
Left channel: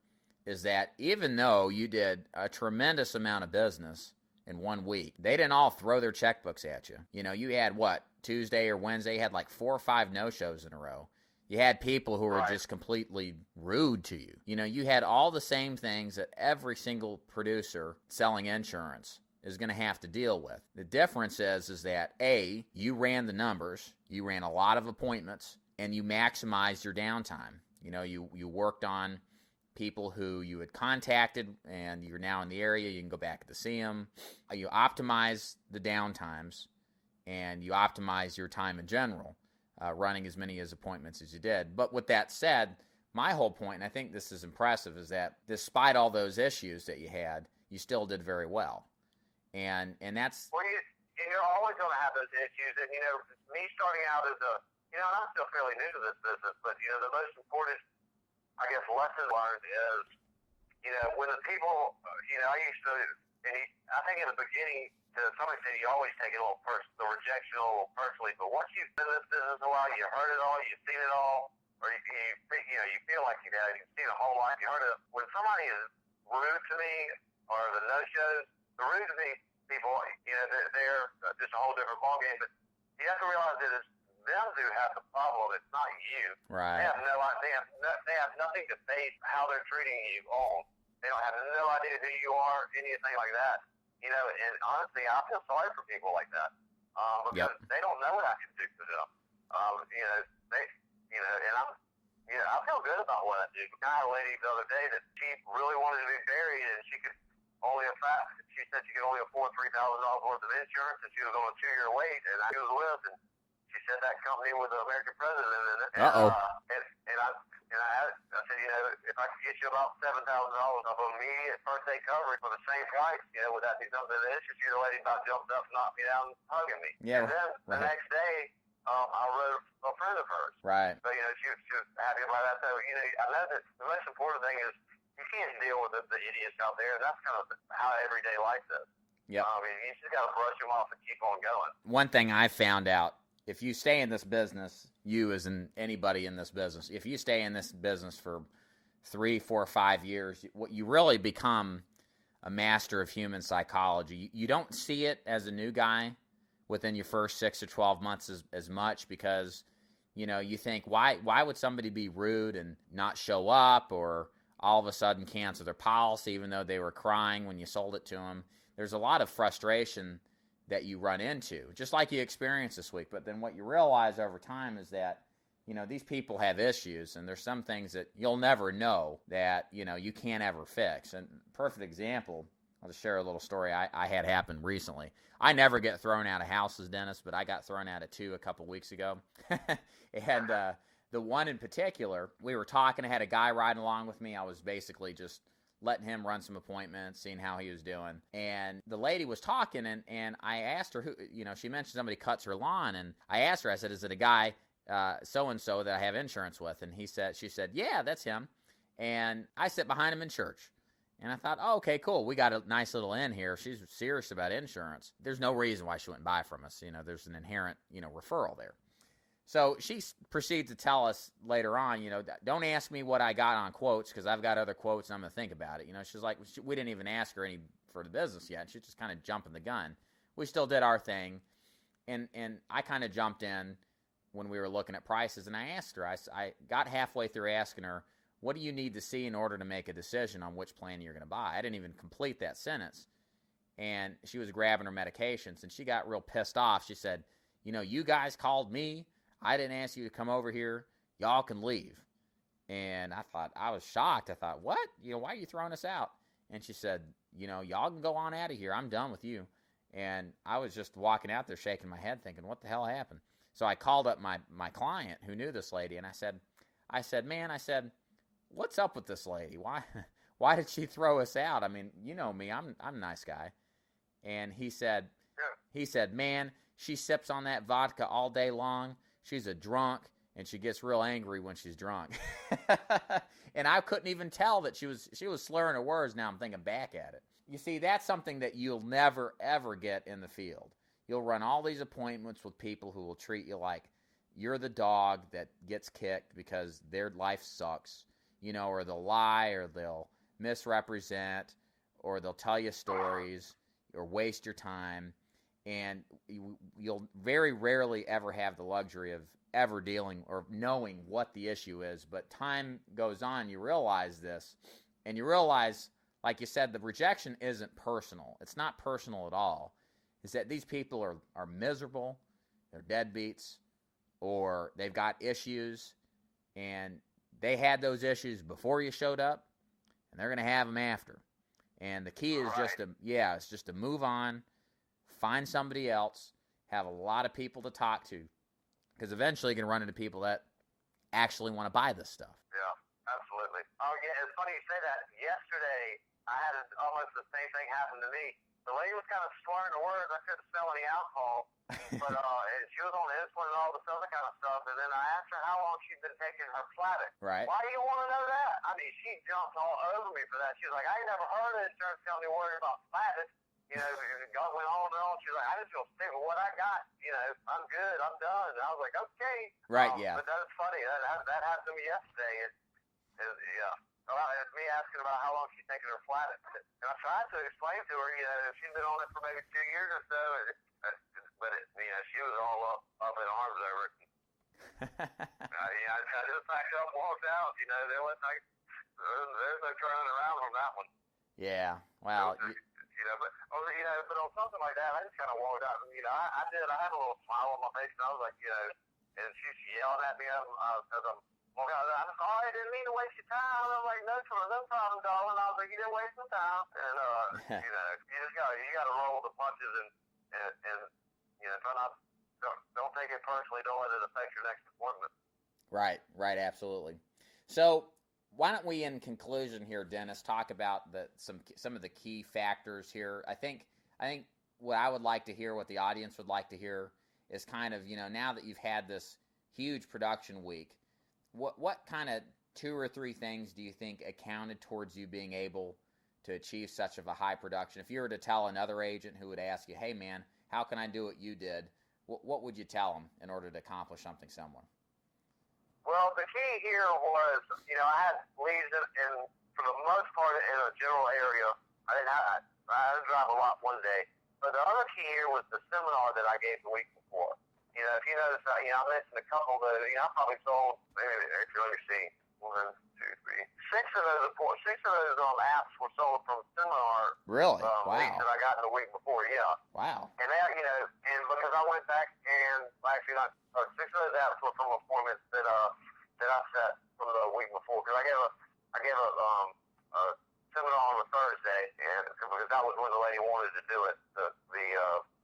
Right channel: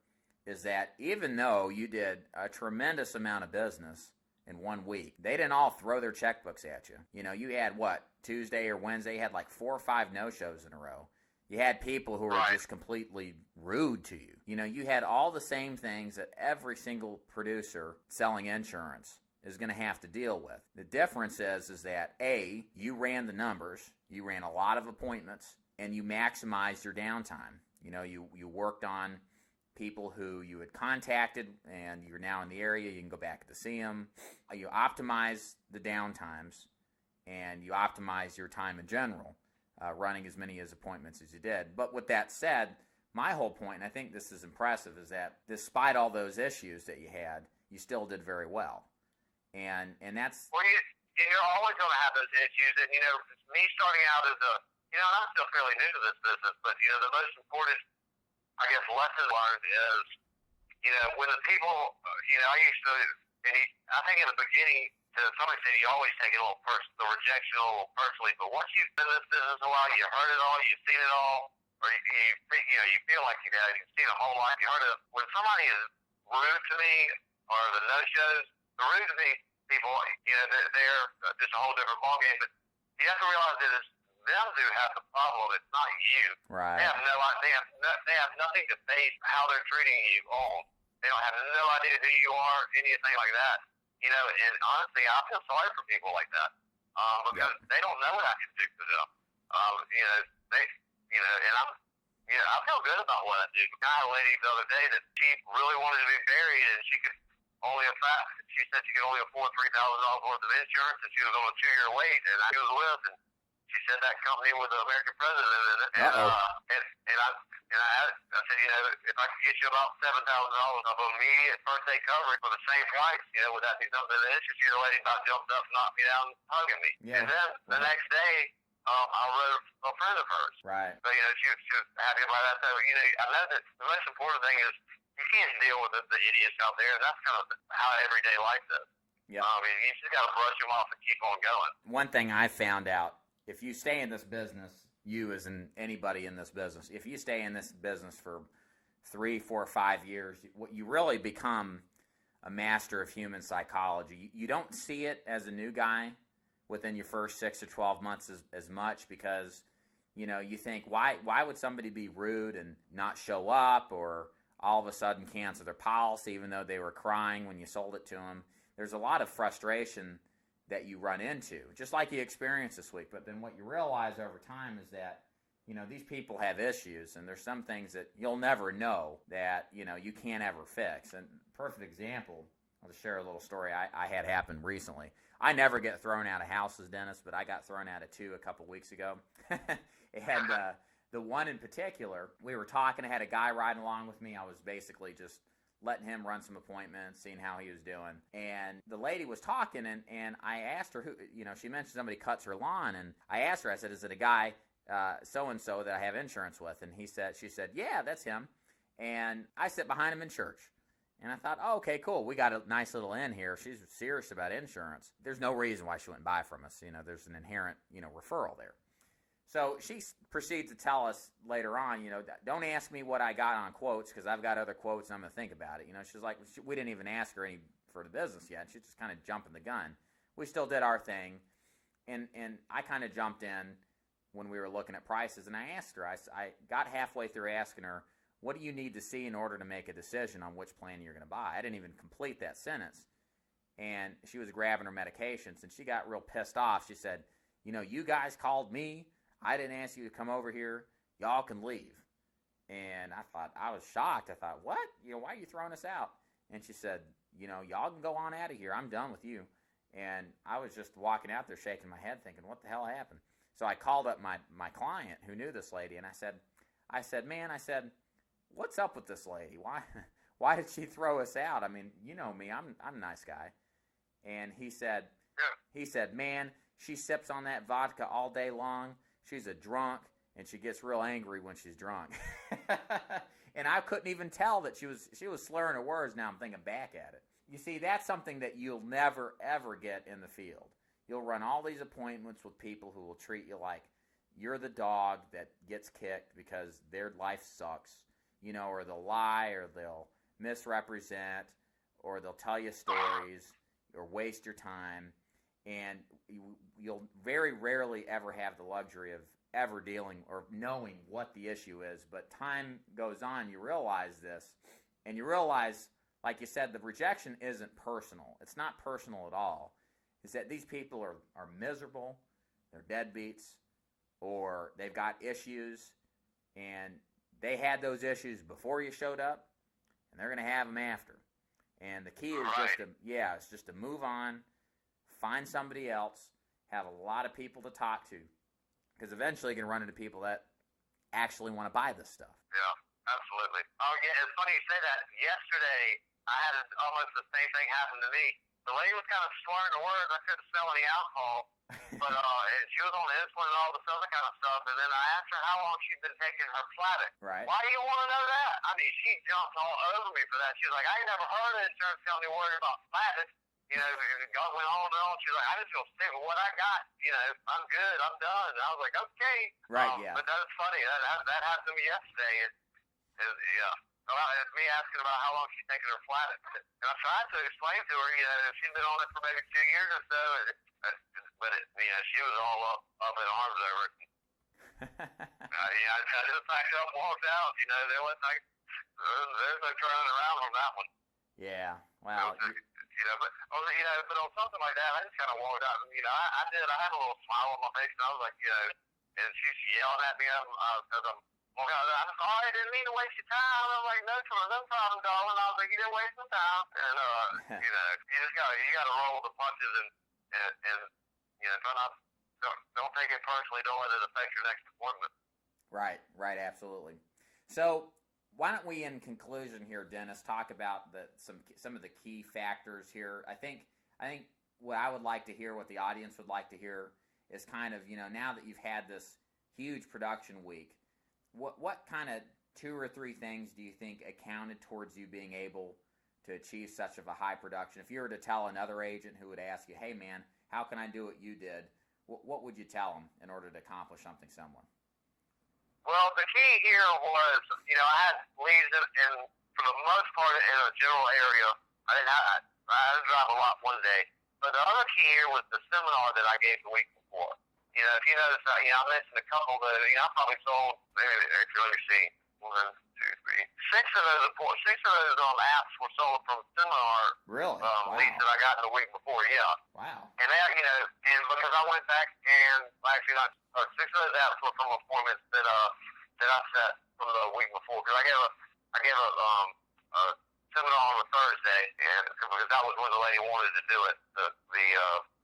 is that even though you did a tremendous amount of business in 1 week, they didn't all throw their checkbooks at you. You had Tuesday or Wednesday, you had like 4 or 5 no-shows in a row. You had people who were just completely rude to you. You had all the same things that every single producer selling insurance is going to have to deal with. The difference is that A, you ran the numbers, you ran a lot of appointments, and you maximized your downtime. You worked on people who you had contacted and you're now in the area, you can go back to see them. You optimize the downtimes and you optimize your time in general, running as many appointments as you did. But with that said, my whole point, and I think this is impressive, is that despite all those issues that you had, you still did very well. And that's... Well, you're always going to have those issues. And, me starting out as I'm still fairly new to this business, but, the most important, I guess, lesson learned is, when the people, I used to, and I think in the beginning, to some extent, you always take it a little the rejection a little personally, but once you've been in this business a while, you heard it all, you've seen it all, or you feel like you've seen a whole lot, you heard it. When somebody is rude to me, or the no-shows, the rude to me people, they're just a whole different ballgame, but you have to realize that it's them who have the problem. It's not you. Right. They have they have nothing to base how they're treating you on. They don't have no idea who you are, anything like that. And honestly, I feel sorry for people like that because they don't know what I can do for them. And I feel good about what I do. I had a lady the other day that she really wanted to be buried, and she said she could only afford $3,000 worth of insurance, and she was on a 2-year wait, and I was with, and she said that company was the American president in it. And I said, if I could get you about $7,000 of immediate first aid coverage for the same price, would that be something of interest? The lady about jumped up, knocked me down, hugging me. Yeah. And then the next day, I wrote a friend of hers. Right. So, she was happy about that. So, I know that the most important thing is you can't deal with the idiots out there. That's kind of how everyday life is. Yep. You just got to brush them off and keep on going. One thing I found out, if you stay in this business, you as in anybody in this business, if you stay in this business for 3, 4, 5 years, what you really become a master of human psychology. You don't see it as a new guy within your first 6 or 12 months as much because, you think, why would somebody be rude and not show up or all of a sudden cancel their policy even though they were crying when you sold it to them? There's a lot of frustration that you run into, just like you experienced this week. But then what you realize over time is that, these people have issues, and there's some things that you'll never know that, you can't ever fix. And perfect example, I'll just share a little story I had happen recently. I never get thrown out of houses, Dennis, but I got thrown out of 2 a couple weeks ago. And the one in particular, we were talking, I had a guy riding along with me. I was basically just letting him run some appointments, seeing how he was doing. And the lady was talking, and I asked her who, she mentioned somebody cuts her lawn, and I asked her, I said, is it a guy so-and-so that I have insurance with? And she said, yeah, that's him. And I sit behind him in church. And I thought, oh, okay, cool. We got a nice little inn here. She's serious about insurance. There's no reason why she wouldn't buy from us. There's an inherent, referral there. So she proceeds to tell us later on, don't ask me what I got on quotes because I've got other quotes and I'm going to think about it. She's like, we didn't even ask her any for the business yet. She's just kind of jumping the gun. We still did our thing. And I kind of jumped in when we were looking at prices, and I asked her, I got halfway through asking her, what do you need to see in order to make a decision on which plan you're going to buy? I didn't even complete that sentence. And she was grabbing her medications, and she got real pissed off. She said, you guys called me. I didn't ask you to come over here. Y'all can leave. And I was shocked. I thought, what? Why are you throwing us out? And she said, y'all can go on out of here. I'm done with you. And I was just walking out there shaking my head thinking, what the hell happened? So I called up my client who knew this lady, and I said, man, what's up with this lady? Why did she throw us out? I mean, you know me, I'm a nice guy. And he said, man, she sips on that vodka all day long. She's a drunk, and she gets real angry when she's drunk. And I couldn't even tell that she was slurring her words. Now I'm thinking back at it. You see, that's something that you'll never, ever get in the field. You'll run all these appointments with people who will treat you like you're the dog that gets kicked because their life sucks, or they'll lie, or they'll misrepresent, or they'll tell you stories, or waste your time. And you'll very rarely ever have the luxury of ever dealing or knowing what the issue is. But time goes on, you realize this, and you realize, like you said, the rejection isn't personal. It's not personal at all. It's that these people are miserable, they're deadbeats, or they've got issues, and they had those issues before you showed up, and they're going to have them after. And the key is just to move on, find somebody else, have a lot of people to talk to, because eventually you're going to run into people that actually want to buy this stuff. Yeah, absolutely. Oh, yeah, it's funny you say that. Yesterday, I had almost the same thing happen to me. The lady was kind of slurring the words. I couldn't smell any alcohol, but and she was on insulin and all this other kind of stuff. And then I asked her how long she'd been taking her Flatic. Right. Why do you want to know that? I mean, she jumped all over me for that. She was like, I ain't never heard an insurance company worried about Flatic. God went on and on. She was like, I just feel sick with what I got. I'm good. I'm done. And I was like, okay. Right, yeah. But that was funny. That happened to me yesterday. Yeah. It's me asking about how long she's taking her Flatic. And I tried to explain to her, she's been on it for maybe 2 years or so. But she was all up in arms over it. I just packed up and walked out. There was there's no turning around on that one. Yeah. Wow. But on something like that, I just kind of walked out. I had a little smile on my face, and I was like, and she's yelling at me because I'm walking out. I'm sorry, I didn't mean to waste your time. I'm like, no problem, darling. I was like, you didn't waste some time. And you just gotta roll with the punches and try not. Don't take it personally. Don't let it affect your next appointment. Right, absolutely. So, why don't we, in conclusion here, Dennis, talk about some of the key factors here? I think what I would like to hear, what the audience would like to hear, is kind of, now that you've had this huge production week, what kind of 2 or 3 things do you think accounted towards you being able to achieve such of a high production? If you were to tell another agent who would ask you, hey man, how can I do what you did? What would you tell them in order to accomplish something similar? Well, the key here was, I had leads in for the most part in a general area. I didn't drive a lot one day. But the other key here was the seminar that I gave the week before. If you notice, I mentioned a couple that, I probably sold, if you let me see, 1, 2, 3, 6 of those apps were sold from seminar. Really? Wow. Leads that I got the week before, yeah. Wow. And that, and because I went back and actually 6 of those apps were from appointments that I set from the week before. Because I gave a seminar on a Thursday, and because that was when the lady wanted to do it, the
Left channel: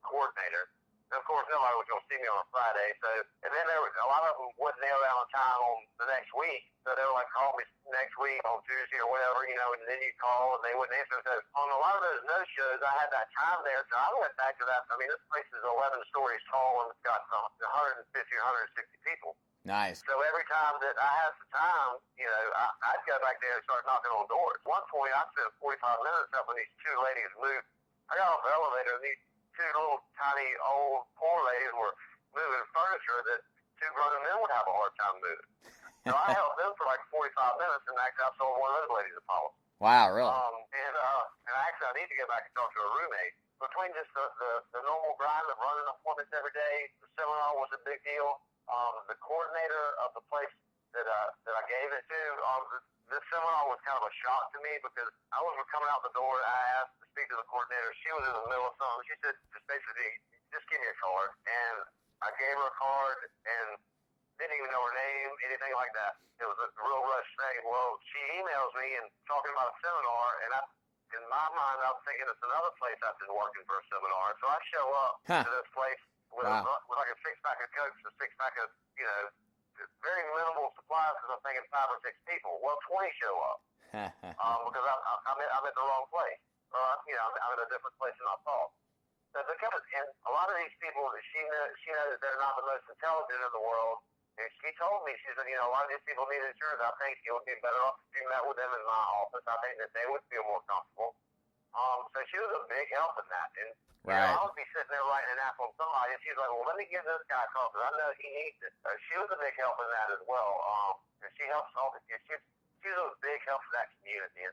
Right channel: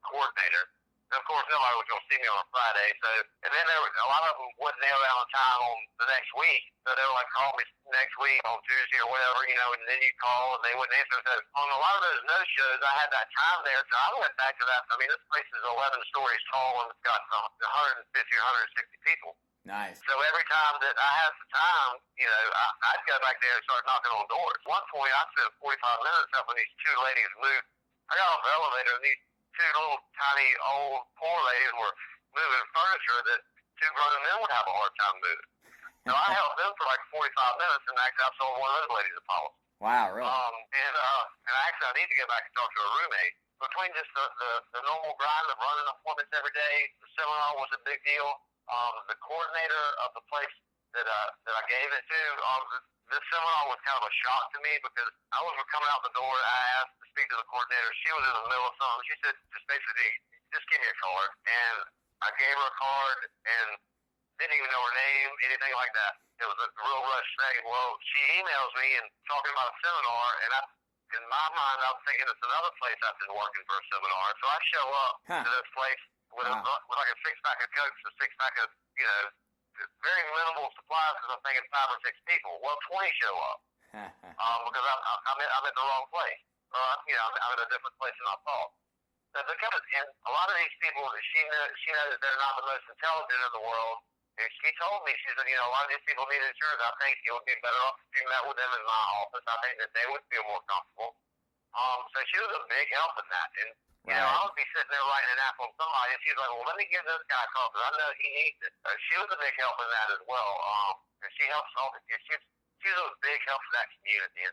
coordinator. And of course, nobody was going to see me on a Friday. So, and then a lot of them wasn't there around time on the next week. So they were like, call me next week on Tuesday or whatever, and then you call and they wouldn't answer. So on a lot of those no-shows, I had that time there. So I went back to that. I mean, this place is 11 stories tall and it's got 150 or 160 people. Nice. So every time that I had some time, I'd go back there and start knocking on doors. At one point, I spent 45 minutes helping these 2 ladies move. I got off the elevator and these 2 little tiny old poor ladies were moving furniture that 2 two grown men would have a hard time moving. So I helped them for like 45 minutes, and actually I sold one of those ladies a policy. Wow, really? And actually I need to get back and talk to a roommate. Between just the normal grind of running appointments every day, the seminar was a big deal. The coordinator of the place that I gave it to, this seminar was kind of a shock to me because I was coming out the door and I asked to speak to the coordinator. She was in the middle of something. She said, just basically, just give me a card. And I gave her a card and didn't even know her name, anything like that. It was a real rush thing. Well, she emails me and talking about a seminar, and in my mind, I was thinking it's another place I've been working for a seminar. So I show up to this place with like a six-pack of Cokes, a six-pack of, very minimal supplies because I'm thinking 5 or 6 people. Well, 20 show up because I'm at the wrong place. I'm in a different place than I thought. So and a lot of these people, she knows that they're not the most intelligent in the world. And she told me, she said, a lot of these people need insurance. I think it would be better off if you met with them in my office. I think that they would feel more comfortable. So she was a big help in that. And, I would be sitting there writing an app on somebody, and she's like, well, let me give this guy a call because I know he needs it. She was a big help in that as well. And she helps she's a big help for that community and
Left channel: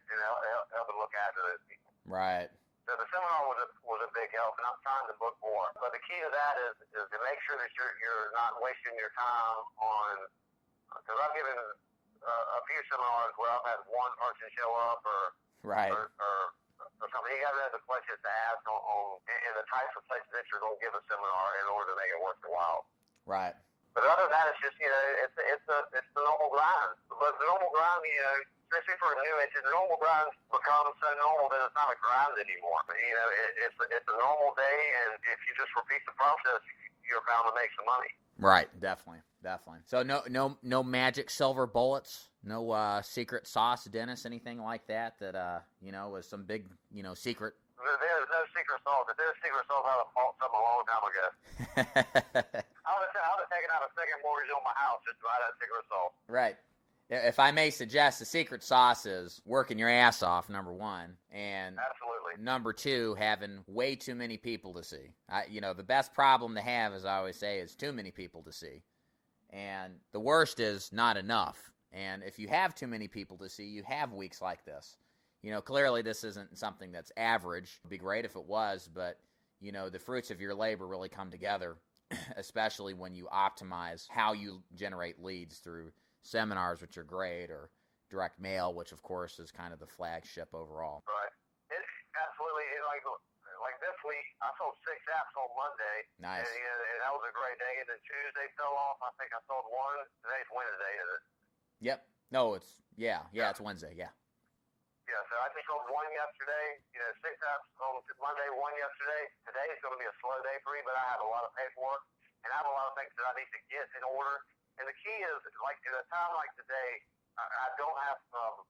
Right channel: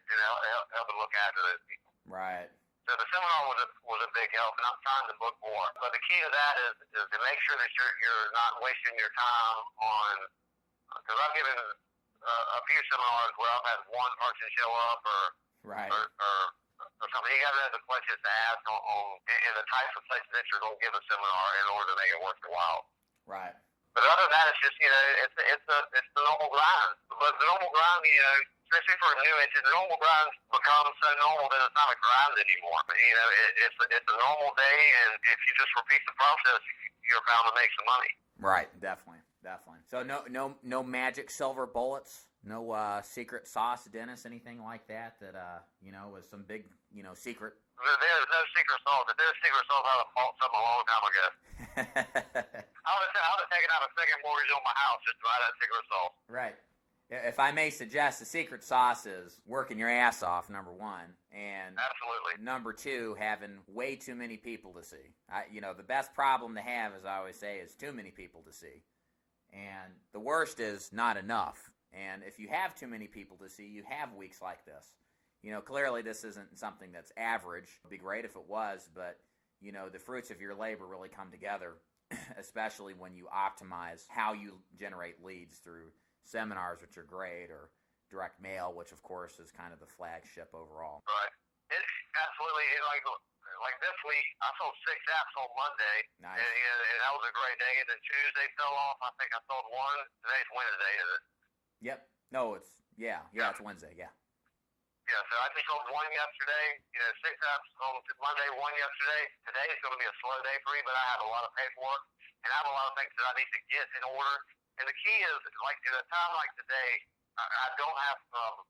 helping look after those people. Right. So the seminar was a big help, and I'm trying to book more. But the key to that is to make sure that you're not wasting your time on, because I've given a few seminars where I've had one person show up or something. You got to know the questions to ask and the types of places that you're going to give a seminar in order to make it worth your while. Right. But other than that, it's just it's the normal grind. But the normal grind, especially for a new agent, the normal grind becomes so normal that it's not a grind anymore. But it's a normal day, and if you just repeat the process, you're bound to make some money. Right. Definitely. So no magic silver bullets. No secret sauce, Dennis, anything like that was some big, secret. There's no secret sauce. If there's secret sauce, I would have bought something a long time ago. I would have taken out a second mortgage on my house just to buy that secret sauce. Right. If I may suggest, the secret sauce is working your ass off, number one, and absolutely. Number two, having way too many people to see. The best problem to have, as I always say, is too many people to see. And the worst is not enough. And if you have too many people to see, you have weeks like this. Clearly this isn't something that's average. It'd be great if it was, but, the fruits of your labor really come together, especially when you optimize how you generate leads through seminars, which are great, or direct mail, which, of course, is kind of the flagship overall. Right. It's absolutely, like this week, I sold 6 apps on Monday. Nice. And that was a great day. And then Tuesday fell off. I think I sold one. Today's Wednesday, is it? Yep. No, it's Wednesday, yeah. Yeah, so I just sold one yesterday, 6 apps on Monday, one yesterday. Today is going to be a slow day for me, but I have a lot of paperwork, and I have a lot of things that I need to get in order. And the key is, like at a time like today, I don't have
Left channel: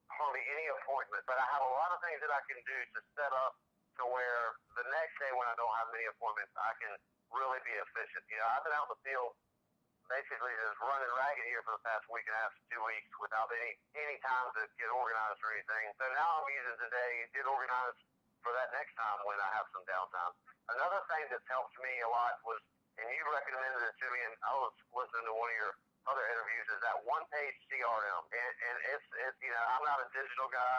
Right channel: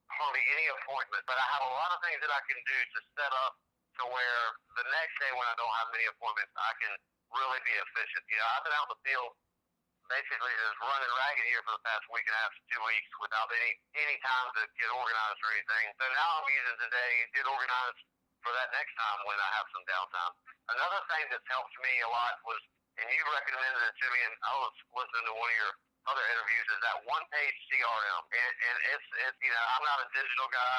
hardly any appointments, but I have a lot of things that I can do to set up to where the next day when I don't have many appointments, I can really be efficient. I've been out in the field basically just running ragged here for the past week and a half to 2 weeks without any time to get organized or anything. So now I'm using today to get organized for that next time when I have some downtime. Another thing that's helped me a lot was, and you recommended it to me, and I was listening to one of your other interviews, is that one-page CRM. And it's I'm not a digital guy.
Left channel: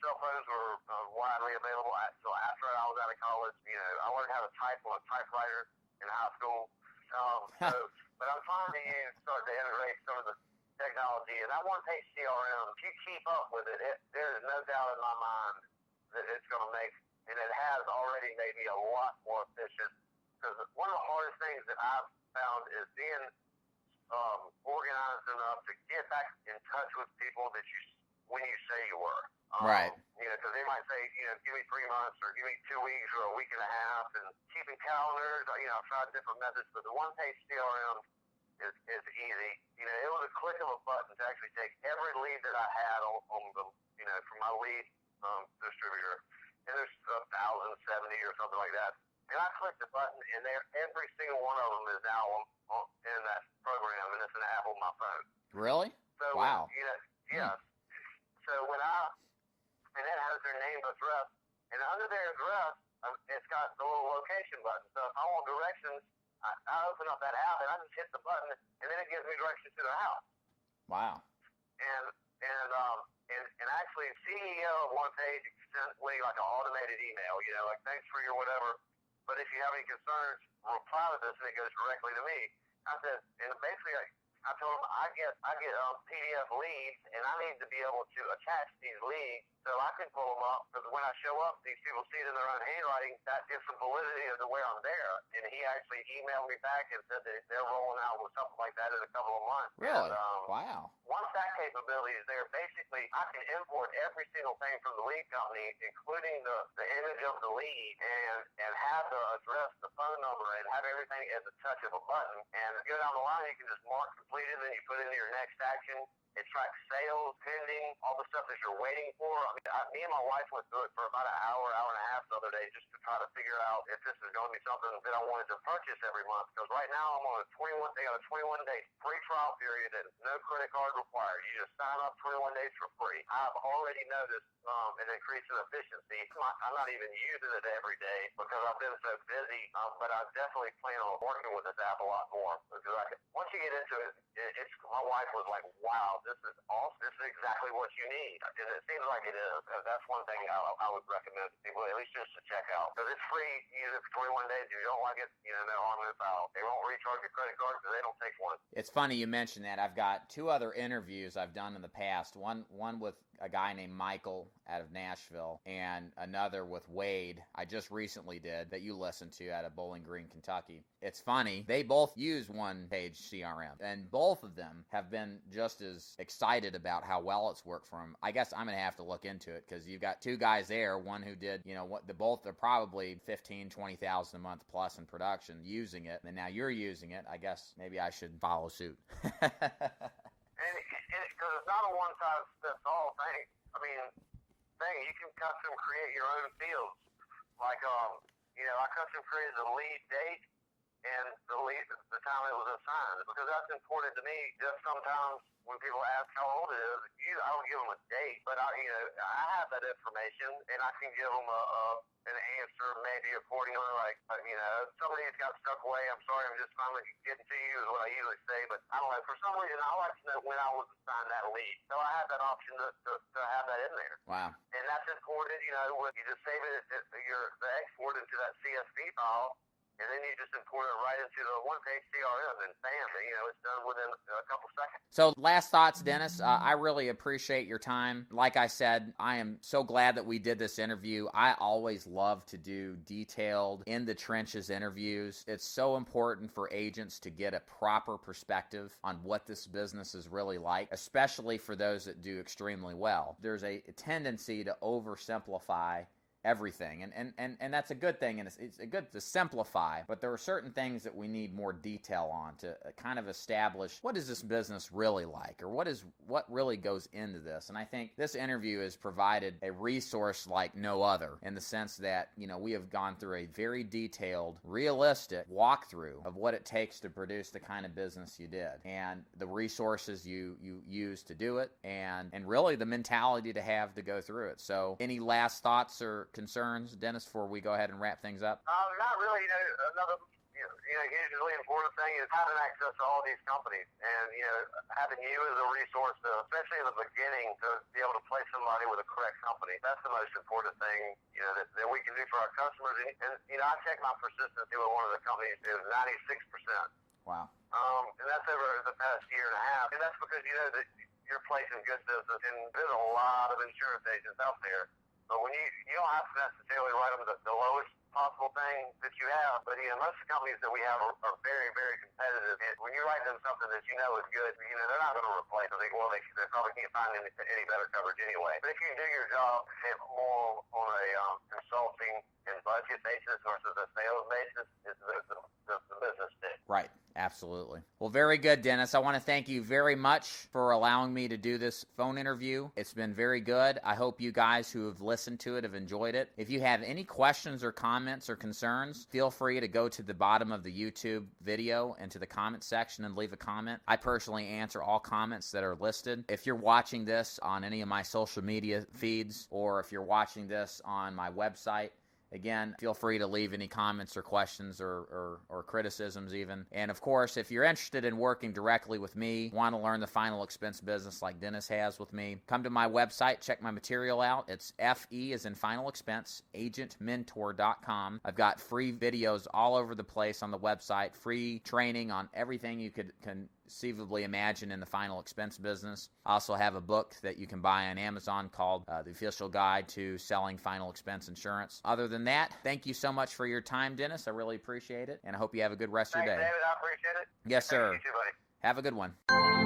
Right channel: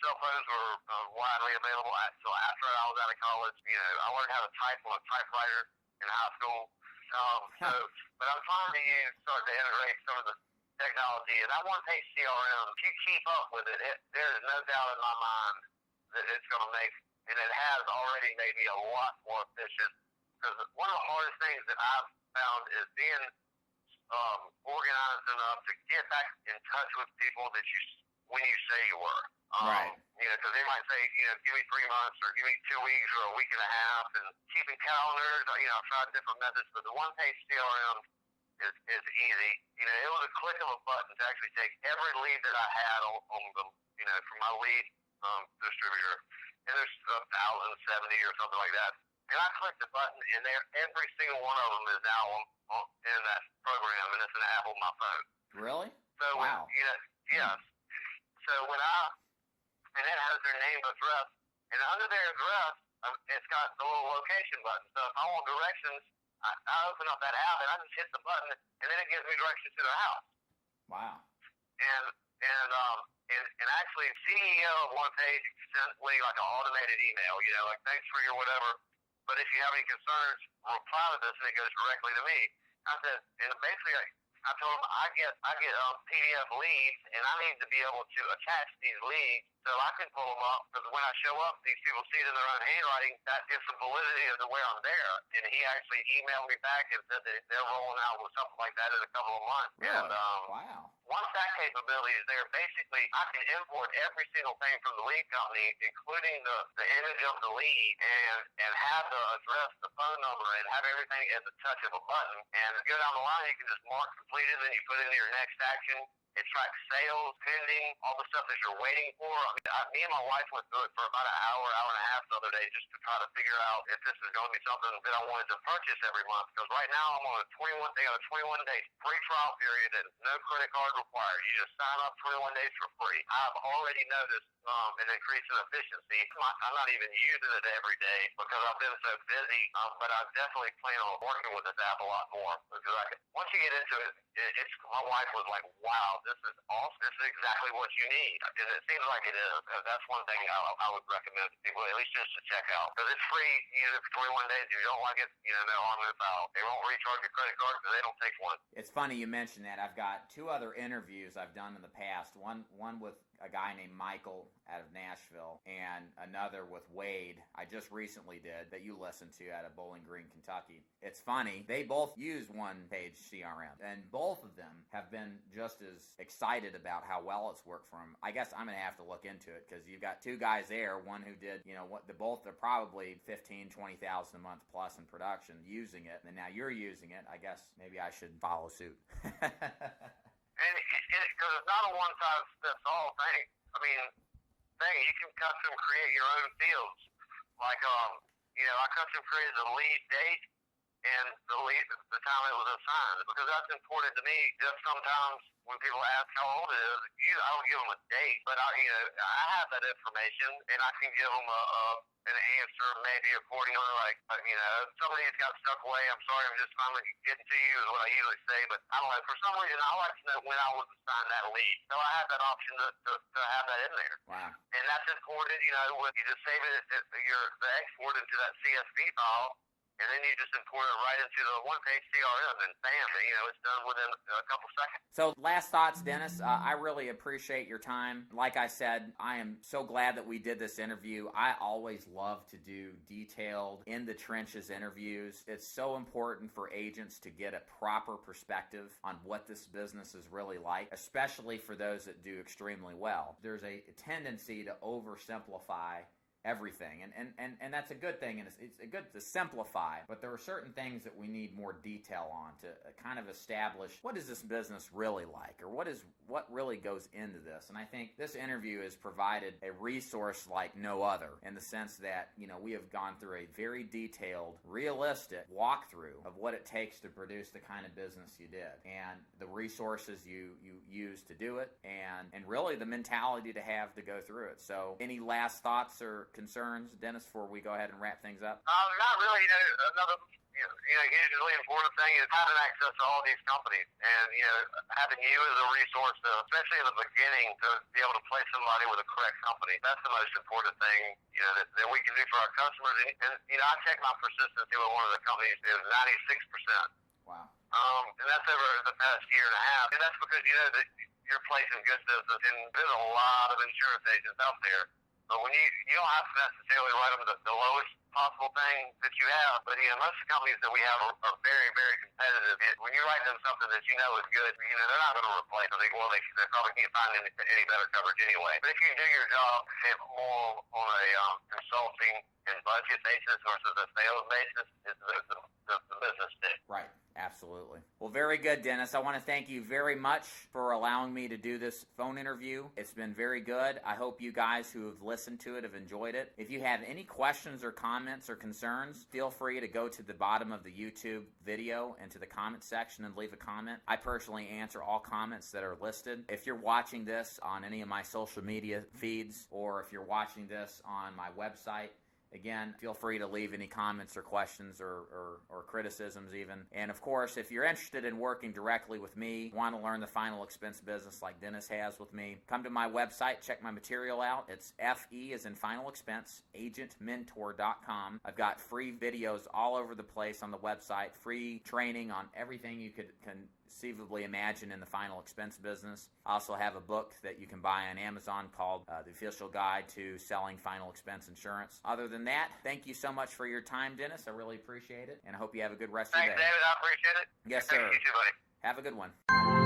Cell phones were widely available until after I was out of college. I learned how to type on a typewriter in high school. But I'm trying to start to integrate some of the technology. And that one-page CRM, if you keep up with it, there is no doubt in my mind that it's going to make, and it has already made me a lot more efficient. Because one of the hardest things that I've found is being organized enough to get back in touch with people that when you say you were. Right. Because they might say, give me 3 months or give me 2 weeks or a week and a half, and keeping calendars. I've tried different methods, but the one-page CRM is easy. It was a click of a button to actually take every lead that I had on the, from my lead distributor, and there's 1,070 or something like that. And I clicked the button, and every single one of them is now in that program, and it's an app on my phone. Really? So, wow. Yes. So and it has their name, address, and under their address, it's got the little location button. So if I want directions I open up that app and I just hit the button, and then it gives me directions to their house. Wow. And actually, CEO of one page sent me like an automated email, like thanks for your whatever. But if you have any concerns, reply to this, and it goes directly to me. I said, and basically, I told him I get PDF leads, and I need to be able to attach these leads so I can pull them up. Because when I show up, these people see it in their own handwriting. That gives some validity of where I'm there. And he actually emailed me back and said that they're rolling out with something like that in a couple of months. Really? And, wow. Once that capability is there, basically I can import every single thing from the lead company, including the image of the lead, and have the address, the phone number, and have everything at the touch of a button. And go down the line, you can just mark completed, and then you put it into your next action. It tracks sales, pending, all the stuff that you're waiting for. I mean, me and my wife went through it for about an hour and a half the other day just to try to figure out if this is going to be something that I wanted to purchase every month. Because right now I'm on a 21-day free trial period and no credit card required. You just sign up 21 days for free. I've already noticed an increase in efficiency. I'm not even using it every day because I've been so busy, but I definitely plan on working with this app a lot more. Because once you get into it, my wife was like, wow, this is awesome. This is exactly what you need. And it seems like it is. That's one thing I would recommend to people, at least just to check out. Because it's free. Use it for 21 days. If you don't like it, no harm, no foul. They won't recharge your credit card because they don't take one. It's funny you mentioned that. I've got 2 other interviews I've done in the past. One with a guy named Michael out of Nashville, and another with Wade I just recently did that you listened to out of Bowling Green, Kentucky. It's funny, they both use one-page CRM, and both of them have been just as excited about how well it's worked for them. I guess I'm going to have to look into it, because you've got 2 guys there, one who did, both are probably $15,000, $20,000 a month plus in production using it, and now you're using it. I guess maybe I should follow suit. Because it's not a one-size-fits-all thing. I mean, you can custom create your own fields. Like, I custom created the lead date and the time it was assigned, because that's important to me. Just sometimes when people ask how old it is, I don't give them a date, but I have that information, and I can give them an answer maybe accordingly. Like, somebody's got stuck away. I'm sorry, I'm just finally getting to you is what I usually say. But I don't know, for some reason I like to know when I was assigned that lead, so I have that option to have that in there. Wow. And that's important. When you just save it, the export into that CSV file. And then you just import it right into the one-page CRM, and bam, it's done within a couple seconds. So last thoughts, Dennis. I really appreciate your time. Like I said, I am so glad that we did this interview. I always love to do detailed, in-the-trenches interviews. It's so important for agents to get a proper perspective on what this business is really like, especially for those that do extremely well. There's a tendency to oversimplify everything, and that's a good thing, and it's good to simplify, but there are certain things that we need more detail on to kind of establish what is this business really like, or what really goes into this. And I think this interview has provided a resource like no other, in the sense that we have gone through a very detailed, realistic walkthrough of what it takes to produce the kind of business you did, and the resources you use to do it, and really the mentality to have to go through it. So any last thoughts or concerns, Dennis, before we go ahead and wrap things up? Not really. Another usually important thing is having access to all these companies, and having you as a resource, especially in the beginning, to be able to place somebody with a correct company. That's the most important thing that we can do for our customers. And I check my persistency with one of the companies is 96%. Wow. And that's over the past year and a half, and that's because that you're placing good business, and there's a lot of insurance agents out there. But when you don't have to necessarily write them the lowest possible thing that you have, but most of the companies that we have are very, very competitive. And when you write them something that is good, they're not going to replace it. They probably can't find any better coverage anyway. But if you do your job more on a consulting and budget basis versus a sales basis, it's the business stick. Right. Absolutely. Well, very good, Dennis. I want to thank you very much for allowing me to do this phone interview. It's been very good. I hope you guys who have listened to it have enjoyed it. If you have any questions or comments or concerns, feel free to go to the bottom of the YouTube video and to the comment section and leave a comment. I personally answer all comments that are listed. If you're watching this on any of my social media feeds, or if you're watching this on my website, Again, feel free to leave any comments or questions or criticisms even. And of course, if you're interested in working directly with me, want to learn the final expense business like Dennis has with me, come to my website, check my material out. It's FE as in final expense, agentmentor.com. I've got free videos all over the place on the website, free training on everything you could conceivably imagine in the final expense business. I also have a book that you can buy on Amazon called The Official Guide to Selling Final Expense Insurance. Other than that, thank you so much for your time, Dennis. I really appreciate it, and I hope you have a good rest of your day. Thanks, David. I appreciate it. Yes, sir. You too, buddy. Have a good one.